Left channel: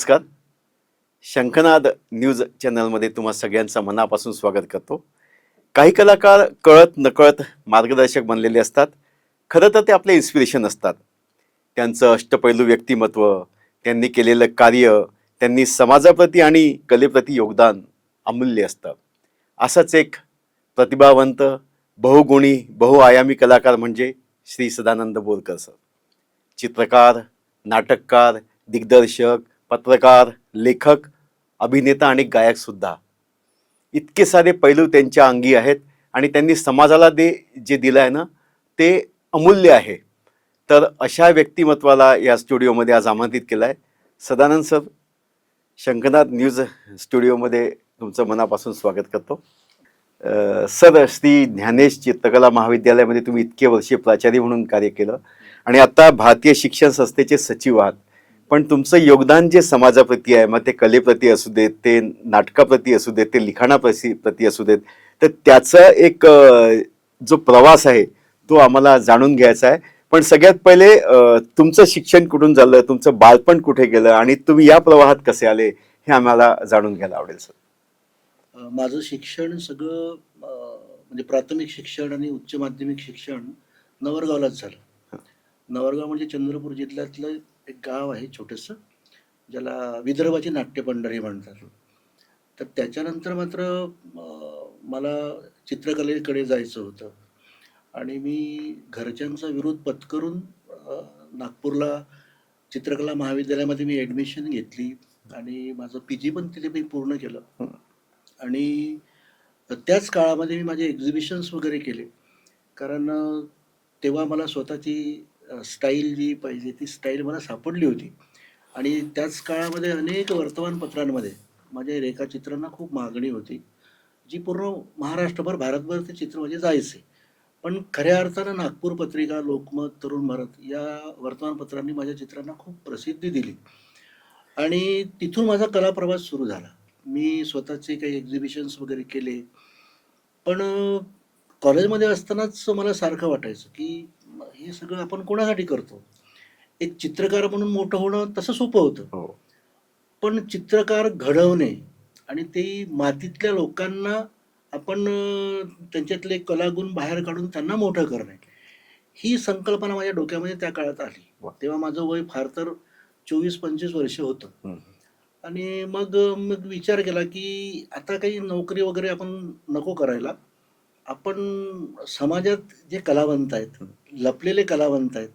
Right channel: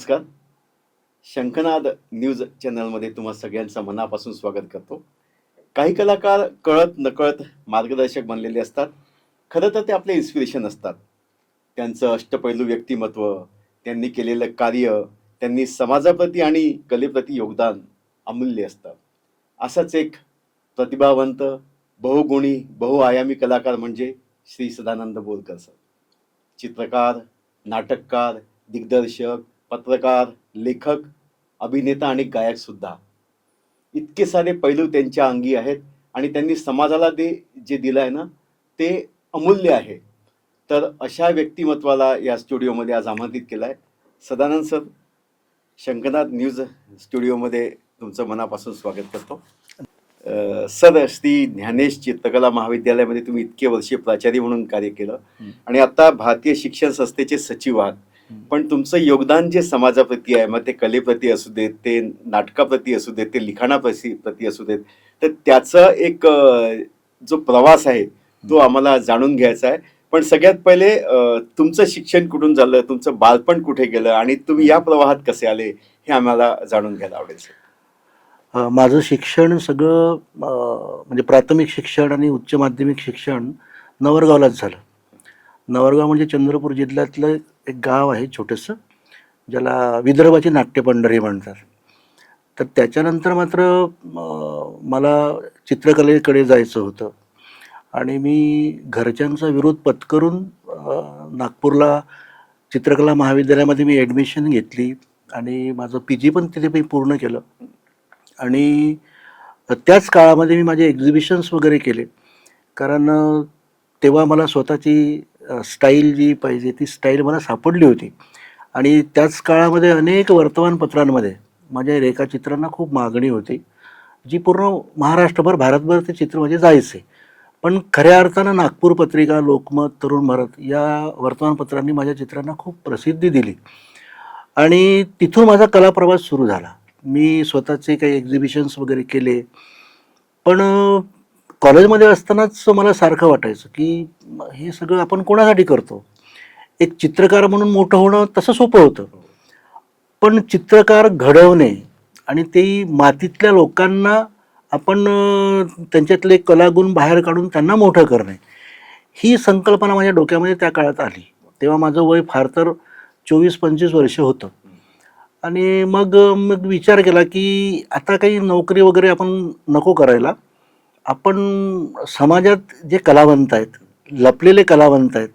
नमस्कार. शंखनाद न्यूज चॅनलमध्ये तुम्हा सगळ्यांचं मनापासून स्वागत करतो. काही कलाकार कळत नकळत मार्गदर्शक बनलेले असतात. खरं तर ते आपले इन्स्पिरेशन असतात. त्यांचं अष्टपैलू व्यक्तिमत्व, त्यांनी केलेलं कार्य, त्यांनी समाजाप्रती आणि कलेप्रती योगदान अमूल्य असतं. असाच एक प्रतिभावंत, बहुगुणी, बहुआयामी कलाकार म्हणजे श्री सदानंद बोरकर सर. चित्रकार, नाटककार, दिग्दर्शक, पत्रकार, लेखक, अभिनेता आणि गायक सुद्धा. इतके सारे पैलू त्यांच्या अंगी आहेत आणि त्यांनी समाजाला जे दिलं आहे ना ते अमूल्य आहे. तर अशा व्यक्तिमत्वाला या स्टुडिओमध्ये आज आमंत्रित केलं आहे. सदानंद सर, शंखनाद न्यूज स्टुडिओमध्ये तुमचं मनापासून स्वागत करतो. सर, श्री ज्ञानेश चित्रकला महाविद्यालयामध्ये तुम्ही इतके वर्षे प्राचार्य म्हणून कार्य केलं आणि आता भारतीय शिक्षण संस्थेचे सचिव आहात. पण तुमचं योगदान जे समाजाप्रती आहे, मग ते कलेप्रती असू देत, ते नाटकाप्रती असू देत, ते लिखाणाप्रती असू देत, तर त्याचा एक जो प्रवास आहे तो आम्हाला जाणून घ्यायचा आहे. पण सगळ्यात पहिले तुमचं शिक्षण कुठून झालं, तुमचं बालपण कुठे गेलं आणि तुम्ही या प्रवाहात कसे आले हे आम्हाला जाणून घ्यायला आवडेल सर. माझं शिक्षण सगळं म्हणजे प्राथमिक शिक्षण आणि उच्च माध्यमिक शिक्षण नवरगावलाच झालं. नवरगाव म्हणजे चंद्रपूर जिल्ह्यातलं एक गाव आहे छोटंसं, ज्याला विदर्भाची नाट्यपंढरी म्हणतात. तर त्याच्यानंतर मात्र मला चित्रकलेकडे जायचं होतं आणि मी घरच्यांचा विरोध पत्करून नागपूरला चित्रकला महाविद्यालयामध्ये मी ॲडमिशन घेतली आणि माझं PG पण तिथे मी पूर्ण केलं. आणि त्याच काळामध्ये मी माझे एक्झिबिशन्स वगैरे केले, कारण तेव्हा मला स्वतःची स्टाईल जी पाहिजे ती स्टाईल मला सापडली होती. आणि त्याच काळामध्ये अनेक वर्तमानपत्रांमध्ये माझ्या रेखाचित्रांना खूप मागणी होती, जी पूर्ण महाराष्ट्रभर, भारतभर ते चित्र म्हणजे जायचे. पण खऱ्या अर्थानं नागपूर पत्रिका, लोकमत, तरुण भारत या वर्तमानपत्रांनी माझ्या चित्रांना खूप प्रसिद्धी दिली आणि तिथून माझा कलाप्रवास सुरू झाला. मी स्वतःचे काही एक्झिबिशन्स वगैरे केले. पण कॉलेजमध्ये असतानाच मला सारखं वाटायचं की हे सगळं आपण कोणासाठी करतो. एक चित्रकार म्हणून मोठं होणं तसं सोपं होतं, पण चित्रकार घडवणे आणि ते मातीतल्या लोकांना आपण त्यांच्यातले कलागुण बाहेर काढून त्यांना मोठं करणे, ही संकल्पना माझ्या डोक्यामध्ये त्या काळात आली. तेव्हा माझं वय फार तर 24-25 वर्ष होतं. आणि मग मग विचार केला की आता काही नोकरी वगैरे आपण नको करायला. आपण समाजात जे कलावंत आहेत, लपलेले कलावंत आहेत,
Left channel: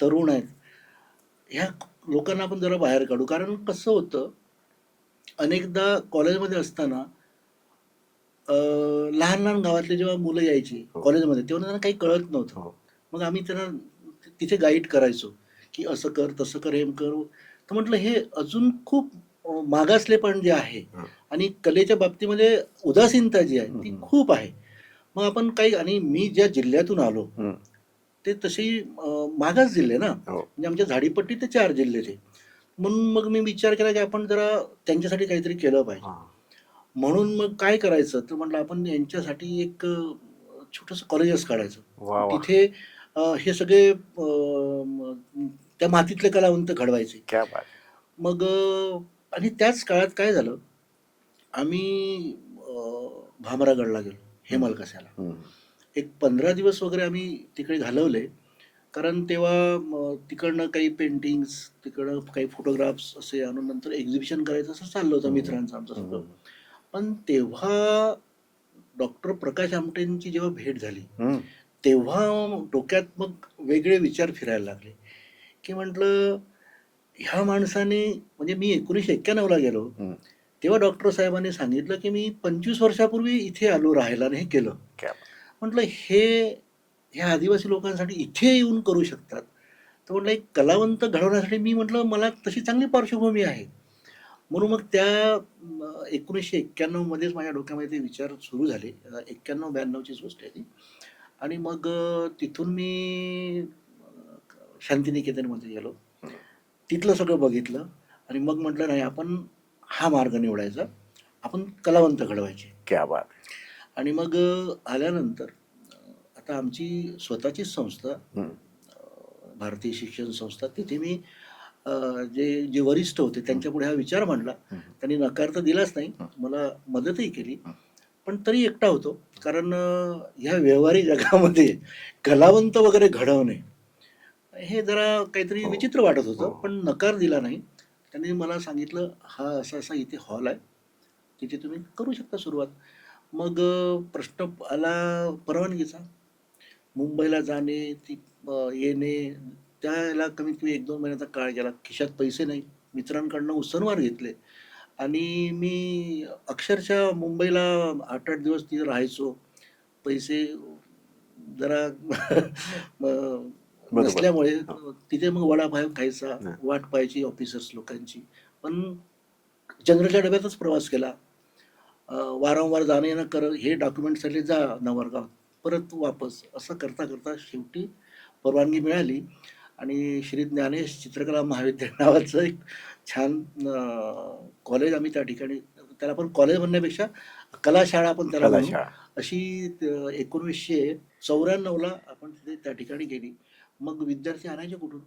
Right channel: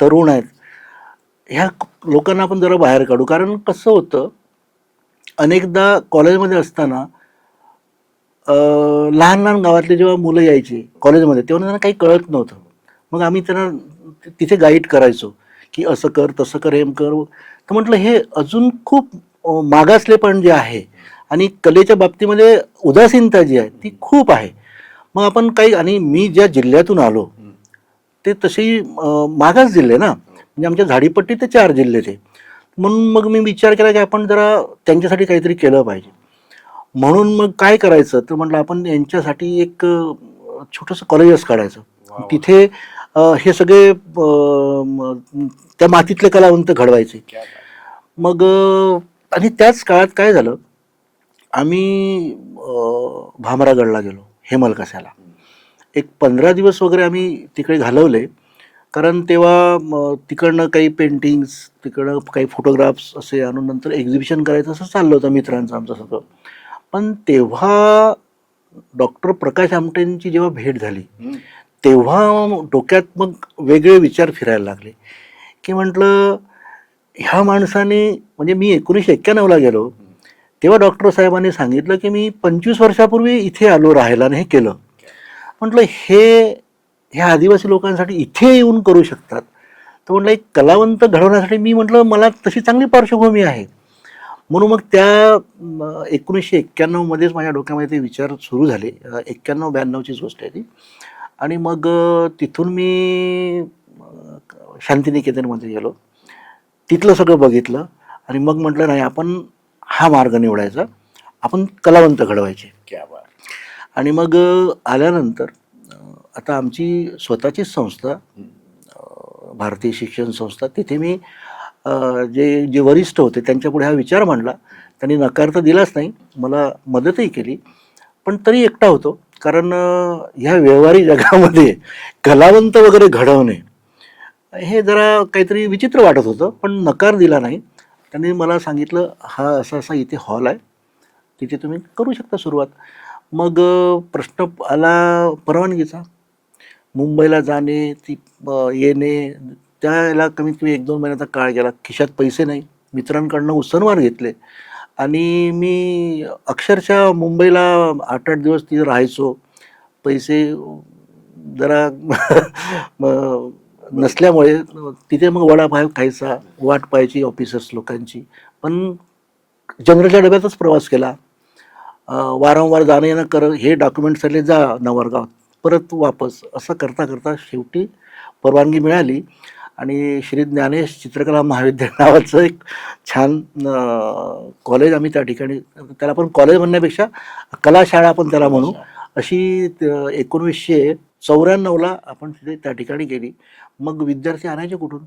तरुण आहेत, ह्या लोकांना आपण जरा बाहेर काढू. कारण कसं होतं, अनेकदा कॉलेजमध्ये असताना लहान लहान गावातले जेव्हा मुलं यायची कॉलेजमध्ये, तेव्हा त्यांना काही कळत नव्हतं. मग आम्ही त्यांना तिथे गाईड करायचो की असं कर, तसं कर, हेम कर. तर म्हटलं हे अजून खूप मागासलेपण जे आहे आणि कलेच्या बाबतीमध्ये उदासीनता जी आहे ती खूप आहे. मग आपण काही, आणि मी ज्या जिल्ह्यातून आलो ते तशी मागास जिल्हे ना, म्हणजे आमच्या झाडीपट्टी ते 4 जिल्हे ते. म्हणून मग मी विचार केला की आपण जरा त्यांच्यासाठी काहीतरी केलं पाहिजे. म्हणून मग काय करायचं, तर म्हटलं आपण यांच्यासाठी एक छोटंसं कॉलेजच काढायचं. तिथे हे सगळे त्या मातीतले कलावंत घडवायचे. मग आणि त्याच काळात काय झालं, आम्ही भामरागडला गेलो, हेमलकसाला. एक 15 दिवस वगैरे आम्ही तिकडे घालवले, कारण तेव्हा तिकडनं काही पेंटिंग्स, तिकडं काही फोटोग्राफ्स असे आणून नंतर एक्झिबिशन करायचं असं चाललं होतं मित्रांचं आमचं सगळं. पण तेव्हा डॉक्टर प्रकाश आमटेंची जेव्हा भेट झाली, तेव्हा डोक्यात मग वेगळे विचार फिरायला लागले की म्हटलं ह्या माणसाने, म्हणजे मी 1991ला गेलो तेव्हा डॉक्टर साहेबांनी सांगितलं की मी 25 वर्षापूर्वी इथे आलो राहायला आणि हे केलं. म्हटलं ह्या आदिवासी लोकांसाठी इथे येऊन करू शकतात. तर म्हटलं एक कलावंत घडवण्यासाठी मी म्हटलं मला तशी चांगली पार्श्वभूमी आहे. म्हणून मग त्या 1991 मध्येच माझ्या डोक्यामध्ये ते विचार सुरू झाले. 91-92चीच गोष्ट आहे ती. आणि मग तिथून मी शांतिनिकेतनमध्ये गेलो, तिथलं सगळं बघितलं आणि मग म्हटलं नाही, आपण हा मार्ग निवडायचा, आपण कलावंत घडवायचे. क्या बात. आणि मग आल्यानंतर आता आमची स्वतःचीच संस्था, भारतीय शिक्षण संस्था, तिथे मी जे जे वरिष्ठ होते त्यांच्यापुढे हा विचार मांडला. त्यांनी नकार तर दिलाच नाही, मला मदतही केली, पण तरी एकटा होतो. कारण ह्या व्यवहारी जगामध्ये कलावंत वगैरे घडवणे हे जरा काहीतरी विचित्र वाटत होतं, पण नकार दिला नाही. त्यांनी मला सांगितलं, हा असा असा इथे हॉल आहे, तिथे तुम्ही करू शकता सुरुवात. मग प्रश्न आला परवानगीचा. मुंबईला जाणे, ती येणे, त्याला कमीत कमी 1-2 महिन्याचा काळ गेला. खिशात पैसे नाही, मित्रांकडनं उसनवार घेतले आणि मी अक्षरशः मुंबईला 8-8 दिवस तिथे राहायचो. पैसे जरा नसल्यामुळे तिथे मग वडापाव खायचा, वाट पाहायची ऑफिसर्स लोकांची. पण जनरलच्या डब्यातच प्रवास केला. वारंवार जाणं येणं हे डॉक्युमेंट्स आले, जा नवरगाव, परत वापस, असं करता करता शेवटी परवानगी मिळाली आणि श्री ज्ञानेश चित्रकला महाविद्यालय नावाचं एक छान कॉलेज आम्ही त्या ठिकाणी, त्याला पण कॉलेज म्हणण्यापेक्षा कलाशाळा आपण त्याला म्हणू, अशी 1994ला आपण तिथे त्या ठिकाणी गेली. मग विद्यार्थी आणायचे कुठून?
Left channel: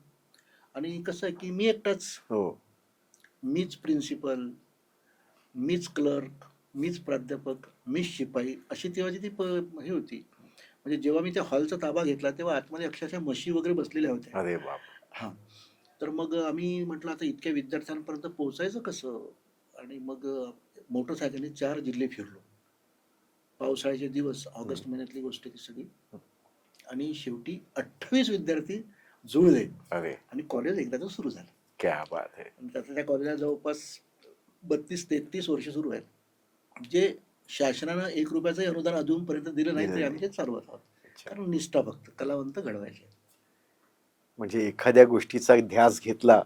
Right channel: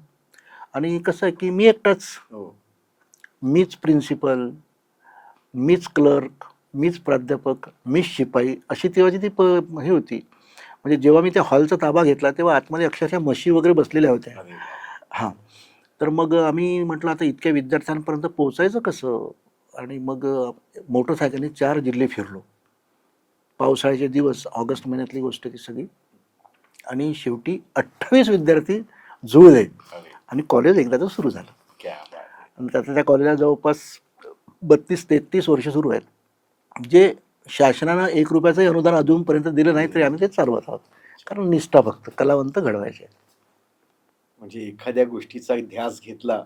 आणि कसं आहे की मी एकटाच, मीच प्रिन्सिपल, मीच क्लर्क, मीच प्राध्यापक, मीच शिपाई, अशी तेव्हाची ती हे होती. म्हणजे जेव्हा मी त्या हॉलचा ताबा घेतला तेव्हा आतमध्ये अक्षरशः म्हशी वगैरे बसलेल्या होत्या. हां. तर मग आम्ही म्हटलं आता इतक्या विद्यार्थ्यांपर्यंत पोहोचायचं कसं? आणि मग मोटरसायकलने 4 जिल्हे फिरलो. पावसाळ्याचे दिवस, ऑगस्ट महिन्यातली गोष्ट ती सगळी. आणि शेवटी 28 विद्यार्थी जुळले आणि कॉलेज एकदाच सुरू झालं. आणि त्या कॉलेजला जवळपास 32-33 वर्ष सुरू आहेत. जे शासनानं 1 रुपयाचंही अनुदान अजूनपर्यंत दिलं नाही, तरी आम्ही ते चालवत आहोत. कारण निष्ठा, फक्त कलावंत घडवायचे. म्हणजे एखाद्या गोष्टीचा ध्यास घेतला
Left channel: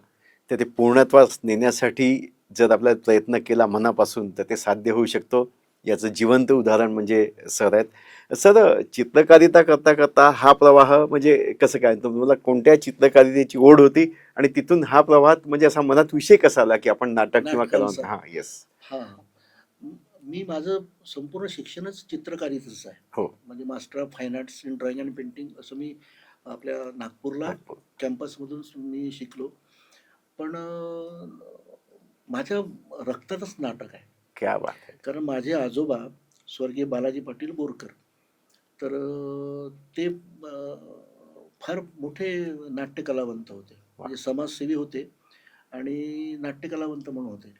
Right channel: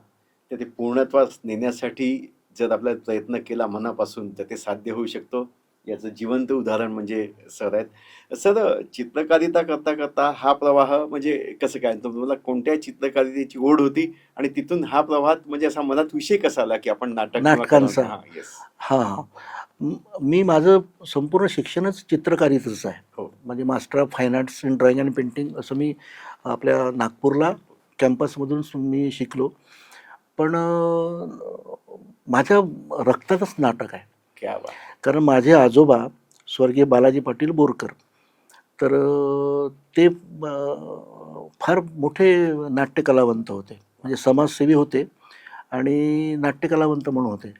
तर ते पूर्णत्वास नेण्यासाठी जर आपला प्रयत्न केला मनापासून, तर ते साध्य होऊ शकतो. याचं जिवंत उदाहरण म्हणजे सर आहेत. सर, चित्रकारिता करता करता हा प्रवाह म्हणजे कसं काय, तुम्हाला कोणत्या चित्रकारितेची ओढ होती आणि तिथून हा प्रवाहात म्हणजे असा मनात विषय कसा आला की आपण नाटकांचा? येस. हां. मी माझं संपूर्ण शिक्षणच चित्रकारितेचं आहे. हो. म्हणजे master of fine arts in drawing and painting असं मी आपल्या नागपूरला कॅम्पसमधून मी शिकलो. पण माझ्या रक्तातच नाटक आहे. क्या बात. कारण माझे आजोबा स्वर्गीय बालाजी पाटील बोरकर, तर ते फार मोठे नाट्यकलावंत होते. म्हणजे समाजसेवी होते आणि नाट्यकलावंत म्हणून होते.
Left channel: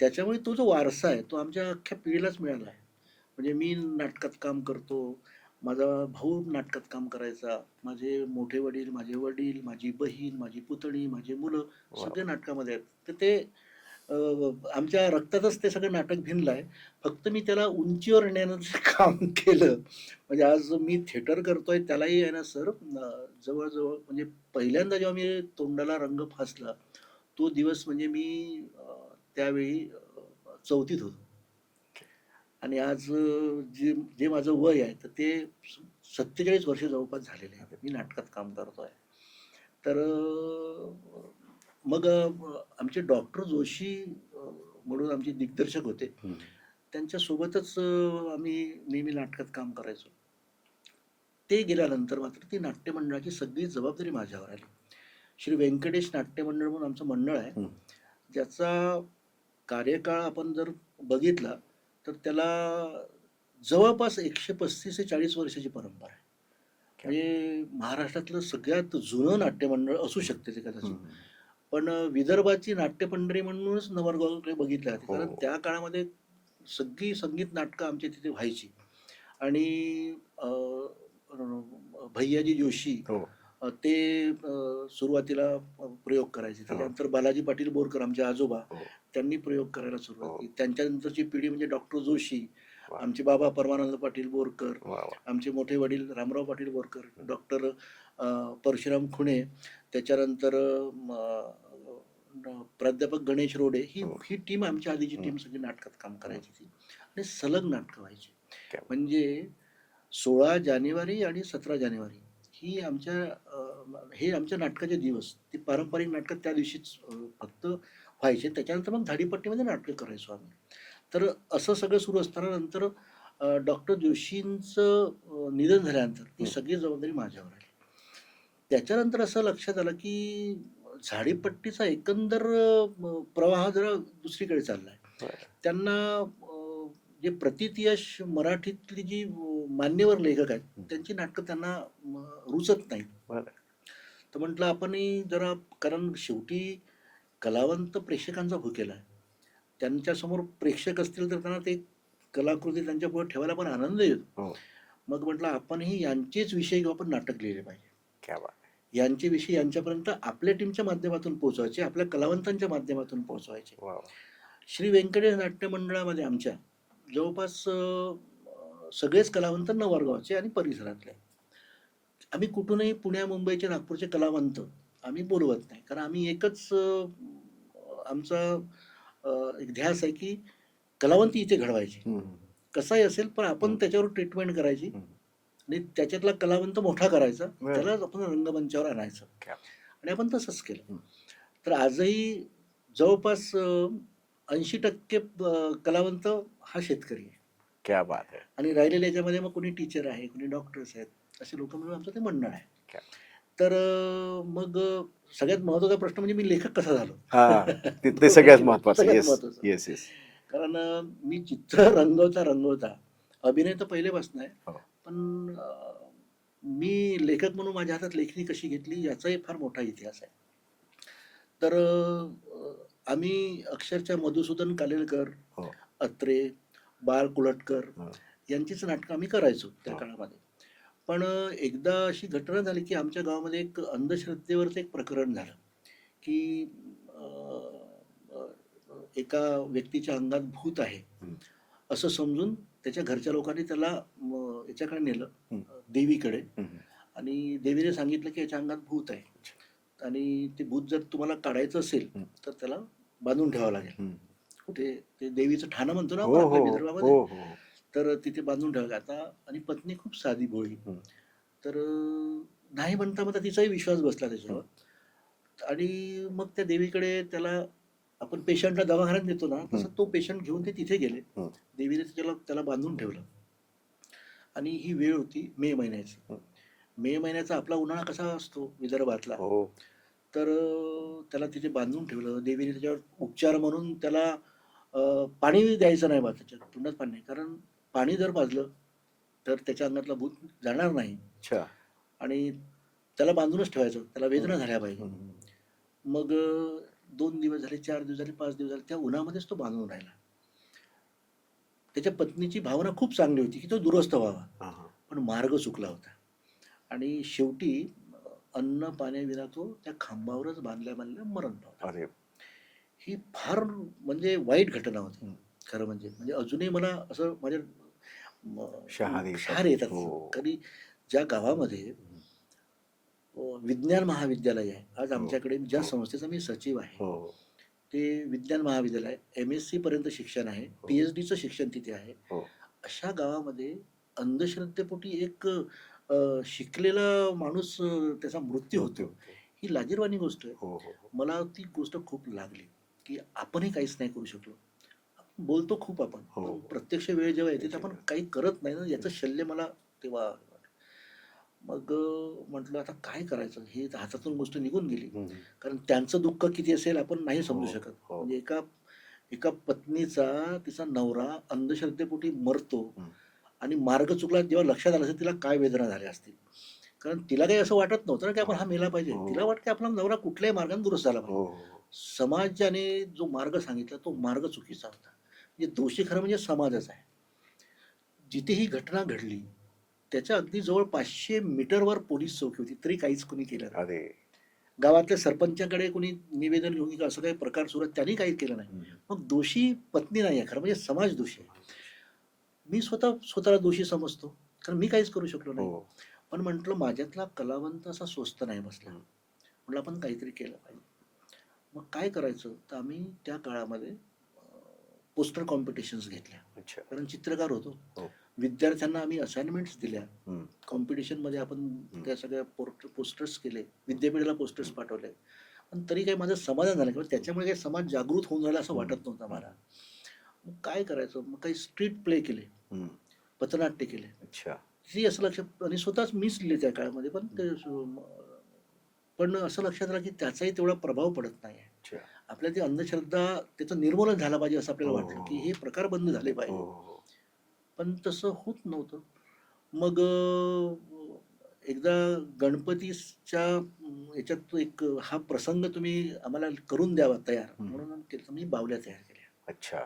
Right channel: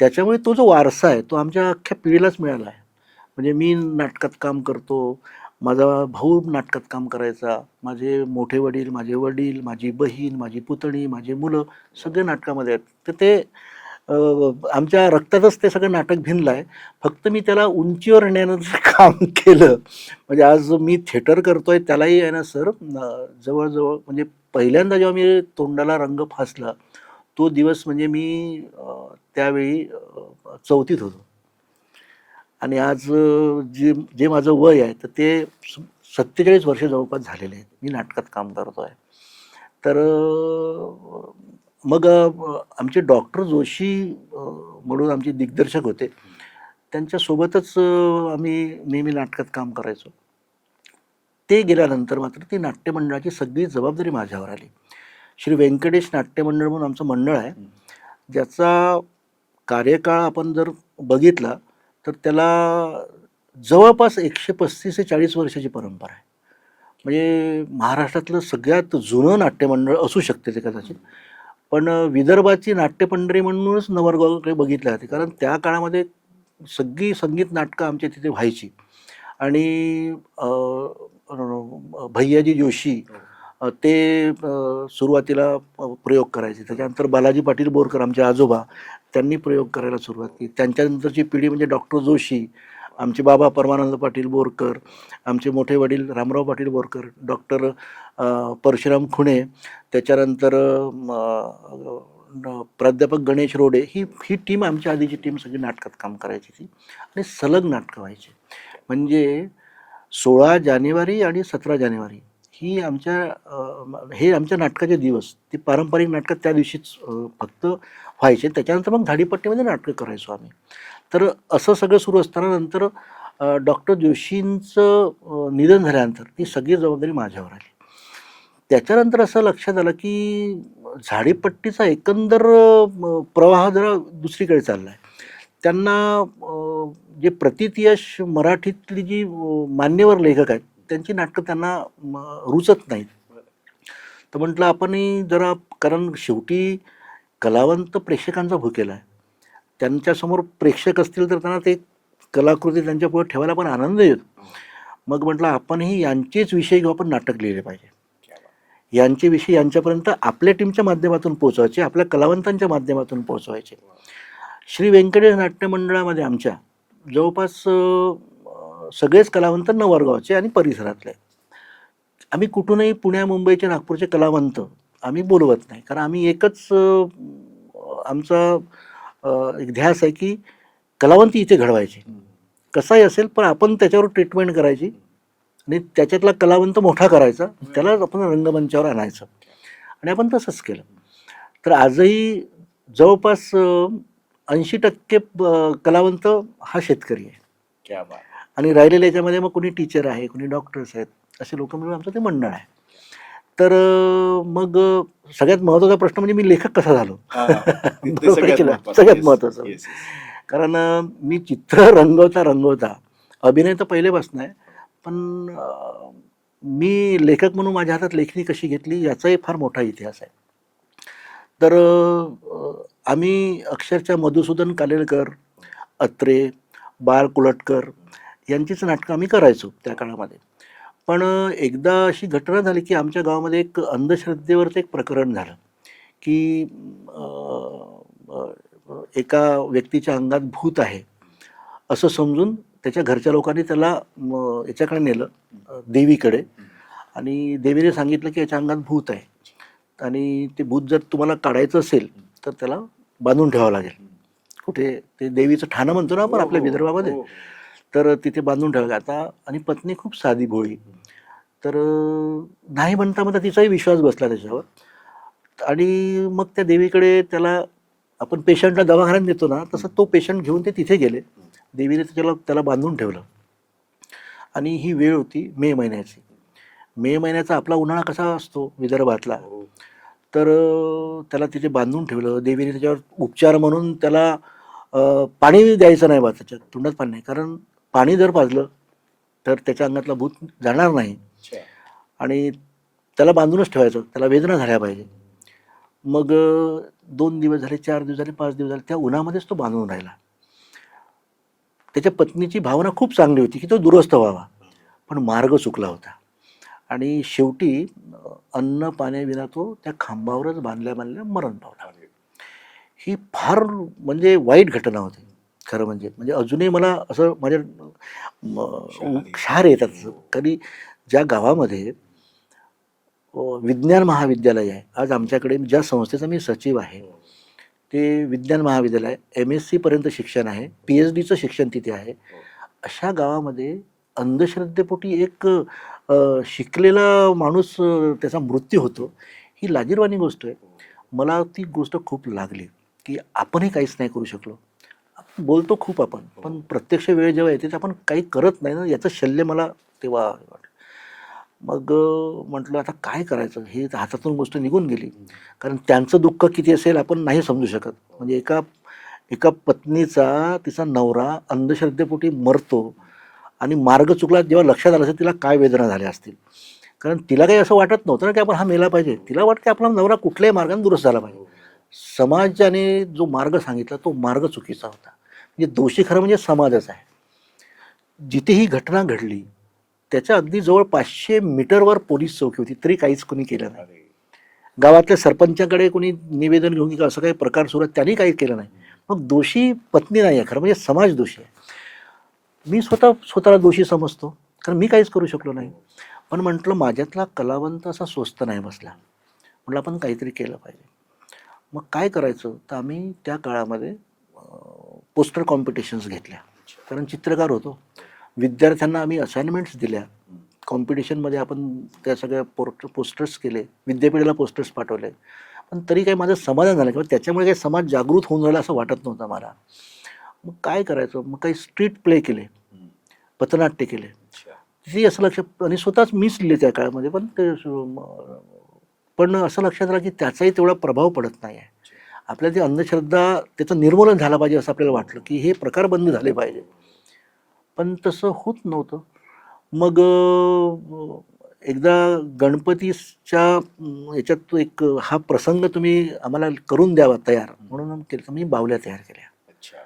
त्याच्यामुळे तो जो वारसा आहे तो आमच्या अख्ख्या पिढीलाच मिळाला आहे. म्हणजे मी नाटकात काम करतो, माझा भाऊ नाटकात काम करायचा, माझे मोठे वडील, माझे वडील, माझी बहीण, माझी पुतणी, माझी मुलं सगळे नाटकामध्ये आहेत. तर ते आमच्या रक्तातच ते सगळं नाटक भिनलं आहे. फक्त मी त्याला उंचीवर नेण्याचं काम केलं. म्हणजे आज जो मी थिएटर करतोय त्यालाही आहे ना सर, जवळजवळ म्हणजे पहिल्यांदा जेव्हा मी तोंडाला रंग फासला तो दिवस म्हणजे मी त्यावेळी 4थीत होतो. आणि आज जे जे माझं वय आहे तर ते 47 वर्ष जवळपास झालेले आहेत. मी नाटकात काम करतो आहे. तर मग आमचे डॉक्टर जोशी म्हणून आमचे दिग्दर्शक होते, त्यांच्यासोबतच आम्ही नेहमी नाटकात काम करायचो. ते गेल्यानंतर मात्र ती नाट्यमंडळाची सगळी जबाबदारी माझ्यावर आली. श्री व्यंकटेश नाट्य मंडळ म्हणून आमचं मंडळ आहे, ज्याचा कार्यकाळ आपण जर बघितला तर त्याला जवळपास 135 ते 40 वर्षाची परंपरा आहे. म्हणजे महाराष्ट्रातलं सगळ्यात जुनं नाट्यमंडळ असू शकते ते कदाचित. पण विदर्भाची नाट्यपंढरी म्हणूनच नवरगावकडे बघितले जाते. कारण त्या काळामध्ये सगळी संगीत नाटकं आमच्या तिथे व्हायची. आणि भैयाजी जोशी ते सुरुवातीला प्रयोग करायचे. त्याच्यानंतर बालाजी पाटील बोरकर आमचे आजोबा, त्यांनी प्रयोग करायला सुरुवात केली. त्यांच्यानंतरची पिढी म्हणजे डॉक्टर जोशी, आमचे बाबा परमानंद पाटील बोरकर, आमचे मोठे वडील रामराव पाटील बोरकर, डॉक्टर परशुराम खुणे, त्याच्यानंतर प्राध्यापक गणेश रोडे, ही टीम आमच्या आधीची टीम सगळी नाटकात काम करायची ती. आणि सलग नाटकं व्हायची. म्हणजे 16 जानेवारी आणि 17 जानेवारी ही हे आमच्या नाटकाचे दिवस. ती पारंपरिक नाटकं त्या दिवशीच फक्त व्हायचे. त्याच्यानंतर मग झाडीपट्टीमध्ये नाटकं करायचो आम्ही. तर असं सगळं सुरू असताना नंतर डॉक्टर जोशींचं निधन झाल्यानंतर ती सगळी जबाबदारी माझ्यावर आली. त्याच्यानंतर असं लक्षात आलं की झाडीपट्टीचा एकंदर प्रवाह जरा दुसरीकडे चाललाय. त्यांना जे प्रथितयश मराठीतली जी मान्यवर लेखक आहेत त्यांची नाटकं त्यांना रुचत नाहीत. बरं. तर म्हटलं आपणही जरा, कारण शेवटी कलावंत प्रेक्षकांचा भुकेला आहे. त्यांच्यासमोर प्रेक्षक असतील तर त्यांना ते कलाकृती त्यांच्या पुढे ठेवायला पण आनंद येतो. हो. मग म्हटलं आपणही यांचेच विषय घेऊन आपण नाटक लिहिले पाहिजे. क्या बात. यांचे विषय यांच्यापर्यंत आपल्या टीमच्या माध्यमातून पोहोचवायचे, आपल्या कलावंतांच्या माध्यमातून पोहोचवायचे. वाव. श्री व्यंकटेश नाट्य मंडळामध्ये आमच्या जवळपास सगळेच कलावंत नवरगावचे आणि परिसरातले. आम्ही कुठूनही पुण्या मुंबईचे नागपूरचे कलावंत आम्ही बोलवत नाही, कारण आम्ही एकच आमचा एक ध्यास आहे की कलावंत इथे घडवायचे. हम्म. कसाही असेल पण आपण त्याच्यावर ट्रीटमेंट करायची आणि त्याच्यातला कलावंत मोठा करायचा, त्याला आपण रंगमंचावर आणायचं. आणि आपण तसंच केलं. तर आजही जवळपास 80% कलावंत हा शेतकरी आहे. क्या बात आहे. आणि राहिलेल्या याच्यामध्ये मग कोणी टीचर आहे, कोणी डॉक्टर्स आहेत, असे लोक मिळून आमचं ते मंडळ आहे. क्या. तर मग सगळ्यात महत्त्वाचा प्रश्न म्हणजे मी लेखक कसा झालो. हा, ते बरोबर सगळ्यात केलं. महत्त्वाचं. सगळ्यात Yes, महत्त्वाचं. yes, yes. कारण मी चित्र रंगवता अभिनय तर पहिलेपासून आहे, पण मी लेखक म्हणून माझ्या हातात लेखणी कशी घेतली याचाही फार मोठा इतिहास आहे. तर आम्ही अक्षरशः मधुसूदन कालेलकर, हो. अत्रे, बाळ कुलटकर यांचीच नाटकं आम्ही करायचो त्या काळामध्ये. पण एकदा अशी घटना झाली की आमच्या गावामध्ये एक अंधश्रद्धेवरचं एक प्रकरण झालं की एका व्यक्तीच्या अंगात भूत आहे असं समजून त्याच्या घरच्या लोकांनी त्याला याच्याकडे नेलं, देवीकडे. आणि देवीने सांगितलं की याच्या अंगात भूत आहे आणि ते भूत जर तुम्हाला काढायचं असेल तर त्याला बांधून ठेवावं लागेल. कुठे ते देवीचं ठाणं म्हणतो ना आपण आपल्या विदर्भामध्ये, तर तिथे बांधून ठेवावं. आता आणि पत्नी खूप साधी भोळी, तर नाही म्हणता तिचाही विश्वास बसला त्याच्यावर. आणि मग त्या देवीकडे त्याला, आपण पेशंटला दवाखान्यात नेतो ना तसं तो पेशंट घेऊन ते तिथे गेले. देवीने त्याला बांधून ठेवलं. आणि ही वेळ होती मे महिन्याची. मे महिन्याचा आपला उन्हाळा कसा असतो विदर्भातला, तर त्याला तिथे बांधून ठेवलं. देवीने त्याच्यावर उपचार म्हणून त्याला पाणी द्यायचं नाही बा, त्याच्यात तोंडात पाणी नाही, कारण पाणी जर पाजलं तर त्याच्या अंगातला भूत जाणार नाही. आणि त्याला बांधूनच ठेवायचं, त्याला वेदना झाल्या पाहिजे. मग 2 दिवस झाले, 4 दिवस झाले, 5 दिवस झाले, त्या उन्हामध्येच तो बांधून राहिला. त्याच्या पत्नीची भावना खूप चांगली होती की तो दुरुस्त व्हावा, पण मार्ग चुकला होता. आणि शेवटी अन्न पाण्याविना तो त्या खांबावरच बांधल्या मरण पावला. ही फार म्हणजे वाईट घटना होती खरं म्हणजे अजूनही मला असं माझ्या क्षार येतात. कधी ज्या गावामध्ये विज्ञान महाविद्यालय आहे, आज आमच्याकडे ज्या संस्थेचा मी सचिव आहे ते विज्ञान महाविद्यालय, MSc पर्यंत शिक्षण आहे, PhDचं शिक्षण तिथे आहे. अशा गावामध्ये अंधश्रद्धेपोटी एक शिकलेला माणूस त्याचा मृत्यू होतो, ही लाजिरवाणी गोष्ट आहे. मला ती गोष्ट खूप लागली की आपणही काहीच नाही करू शकलो. बोलतो खूप आपण, पण प्रत्यक्ष वेळ जेव्हा येते आपण काही करत नाही ना, याचं शल्य मला तेव्हा वाटलं. मग म्हटलं आता काय करायचं, हे हातातून गोष्ट निघून गेली. कारण त्यांचं दुःख किती असेल आपण नाही समजू शकत. म्हणजे एका पत्नीचा तिचा नवरा अंधश्रद्धेपोटी मरतो आणि मार्ग चुकला, जेव्हा लक्षात आलं असेल तिला काय वेदना झाल्या असतील. कारण तिला काही असं वाटत नव्हतं ना की आपण हा मेला पाहिजे. तिला वाटतं आपला नवरा कुठल्याही मार्गाने दुरुस्त झाला पाहिजे. समाजाने जो मार्ग सांगितला तो मार्ग चुकीचा होता. म्हणजे दोषी खरं म्हणजे समाजच आहे. जिथे ही घटना घडली त्याच्या अगदी जवळ 500 मीटरवर पोलीस चौकी होती, तरी काहीच कोणी केलं नाही. गावातल्या सरपंचाकडे कोणी निवेदन घेऊन की असं काही प्रकार सुरू आहे, त्यांनी काही केलं नाही. मग दोषी पत्नी नाही आहे, खरं म्हणजे समाज दोषी आहे. मी स्वतःला दोषी समजतो, कारण मी काहीच करू शकलो नाही. पण म्हटलं माझ्यातला कलावंत असा स्वस्त नाही बसला, म्हटलं आपण काहीतरी केलं पाहिजे. मग काय करायचं, तर आम्ही त्या काळामध्ये पोस्टर कॉम्पिटिशन्स घेतल्या, कारण चित्रकार होतो. विद्यार्थ्यांना आम्ही असाइनमेंट्स दिल्या. कॉम्पिटिशनमध्ये आपण त्या सगळ्या पोस्टर्स केले, विद्यापीठाला पोस्टर्स पाठवले. पण तरी काही माझं समाधान झालं किंवा त्याच्यामुळे काही समाज जागृत होऊन राहिला असं वाटत नव्हतं मला. मग काय करायचं, मग काही स्ट्रीट प्ले केले, पथनाट्य केले. तिथे असं लक्ष, आणि स्वतःच मीच लिहिले त्या काळामध्ये. पण पण असं लक्षात आलं की त्याचाही तेवढा प्रभाव पडत नाही आहे. अच्छा. आपल्याला ती अंधश्रद्धा त्याचं निर्मूलन झालं पाहिजे असं आपल्याला हो, वाटलं हो, की हे प्रकार बंद झाले हो, पाहिजे. हो, हो. पण तसं होत नव्हतं. मग एकदा गणपतीच्या याच्यात तो एक हा प्रसंग तुम्ही आम्हाला करून द्यावा तयार म्हणून केलं. मी बाहुल्या तयार केल्या अच्छा.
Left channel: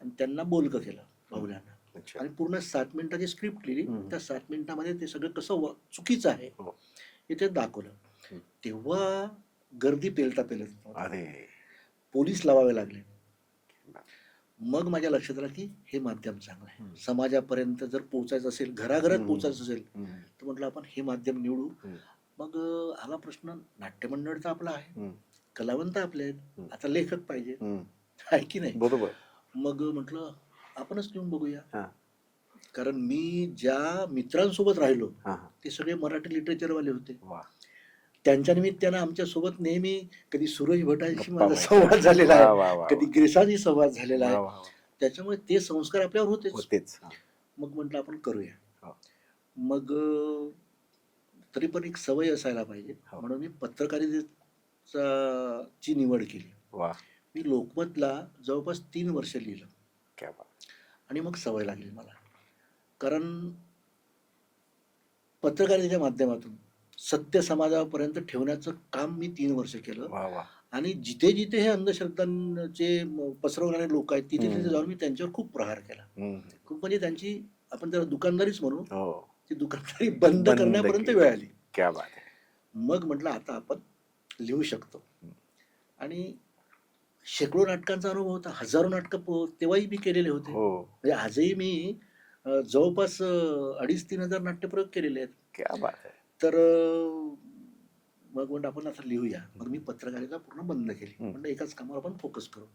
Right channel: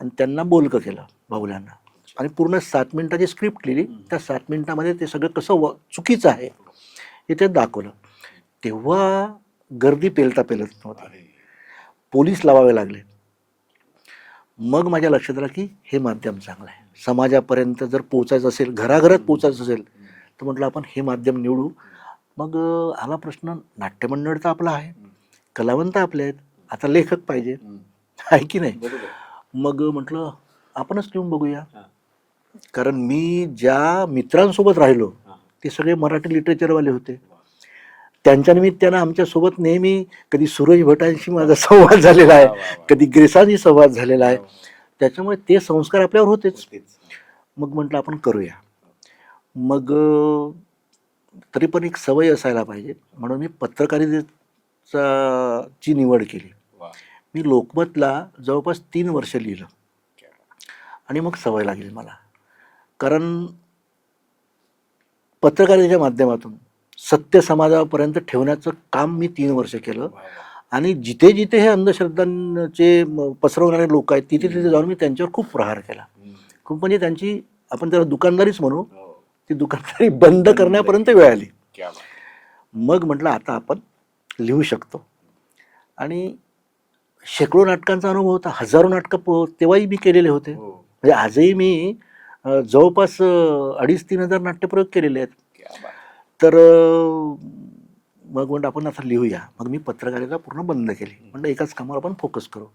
आणि त्यांना बोलकं केलं बाहुल्यांना अच्छा. आणि पूर्ण 7 मिनिटाची स्क्रिप्ट लिहिली. त्या 7 मिनिटामध्ये ते सगळं कसं चुकीचं आहे हो. हे ते दाखवलं. तेव्हा गर्दी पेलता पेलत नव्हतं. अरे. पोलीस लावावे लागले. मग माझ्या लक्षात आलं की हे माध्यम चांगलं आहे. समाजापर्यंत जर पोचायचं असेल, घराघरात पोचायचं असेल तर म्हटलं आपण हे माध्यम निवडू. मग आला प्रश्न, नाट्यमंडळ तर आपला आहे, कलावंत आपले आहेत, आता लेखक पाहिजे आहे की नाही. बरोबर. मग म्हटलं आपणच लिहून बघूया. हा. कारण मी ज्या मित्रांसोबत राहिलो हा. ते सगळे मराठी लिटरेचरवाले होते. वा. त्यांच्या निमित्तानं आमच्यासोबत नेहमी कधी सूरज भटांशी माझा संवाद झालेला वा, वा, आहे, वा. कधी ग्रेसांशी संवाद झालेला वा, आहे. वा, वा. त्याच्यामुळे ते संस्कार आपल्यावर होतेच. होतेच. मग म्हटलं आपण करूया. हो. मग तरी पण एक सवय असायला पाहिजे म्हणून मी ची निवड केली. वा. मी लोकमतला जवळपास 3 वर्ष लिहिलं क्या बात. आणि मग सवय लागली मला. कारण पत्रकारितेच्या माध्यमातून सत्य समाजापर्यंत ठेवण्याचं काम मी 3 वर्ष केलं. वा, वा. आणि जिथे जिथे हे अंधश्रद्धांचे पसरवणारे लोक आहेत तिथे तिथे जाऊन मी त्यांच्यावर खूप प्रहार केला. खूप म्हणजे त्यांची आपण त्याला दुकानदारीच म्हणू, हो. ती दुकानदारी बंद करण्यापर्यंत वेळ आली. क्या बात. मग म्हटलं आता आपण लिहू शकतो. आणि शेकडो नाटकांचा अनुभव होता. हजारो नाटकं तेव्हाही मी केलेले होते. हो. म्हणजे आजही मी जवळपास 2,500-3,000 नाट्यप्रयोग केलेले आहेत. क्या बात. तर मग म्हणलं आपण आता लिहूया. मग मी पत्रकारिता पूर्ण बंद केली. म्हणलं एकाच कामावर आपण फोकस करू.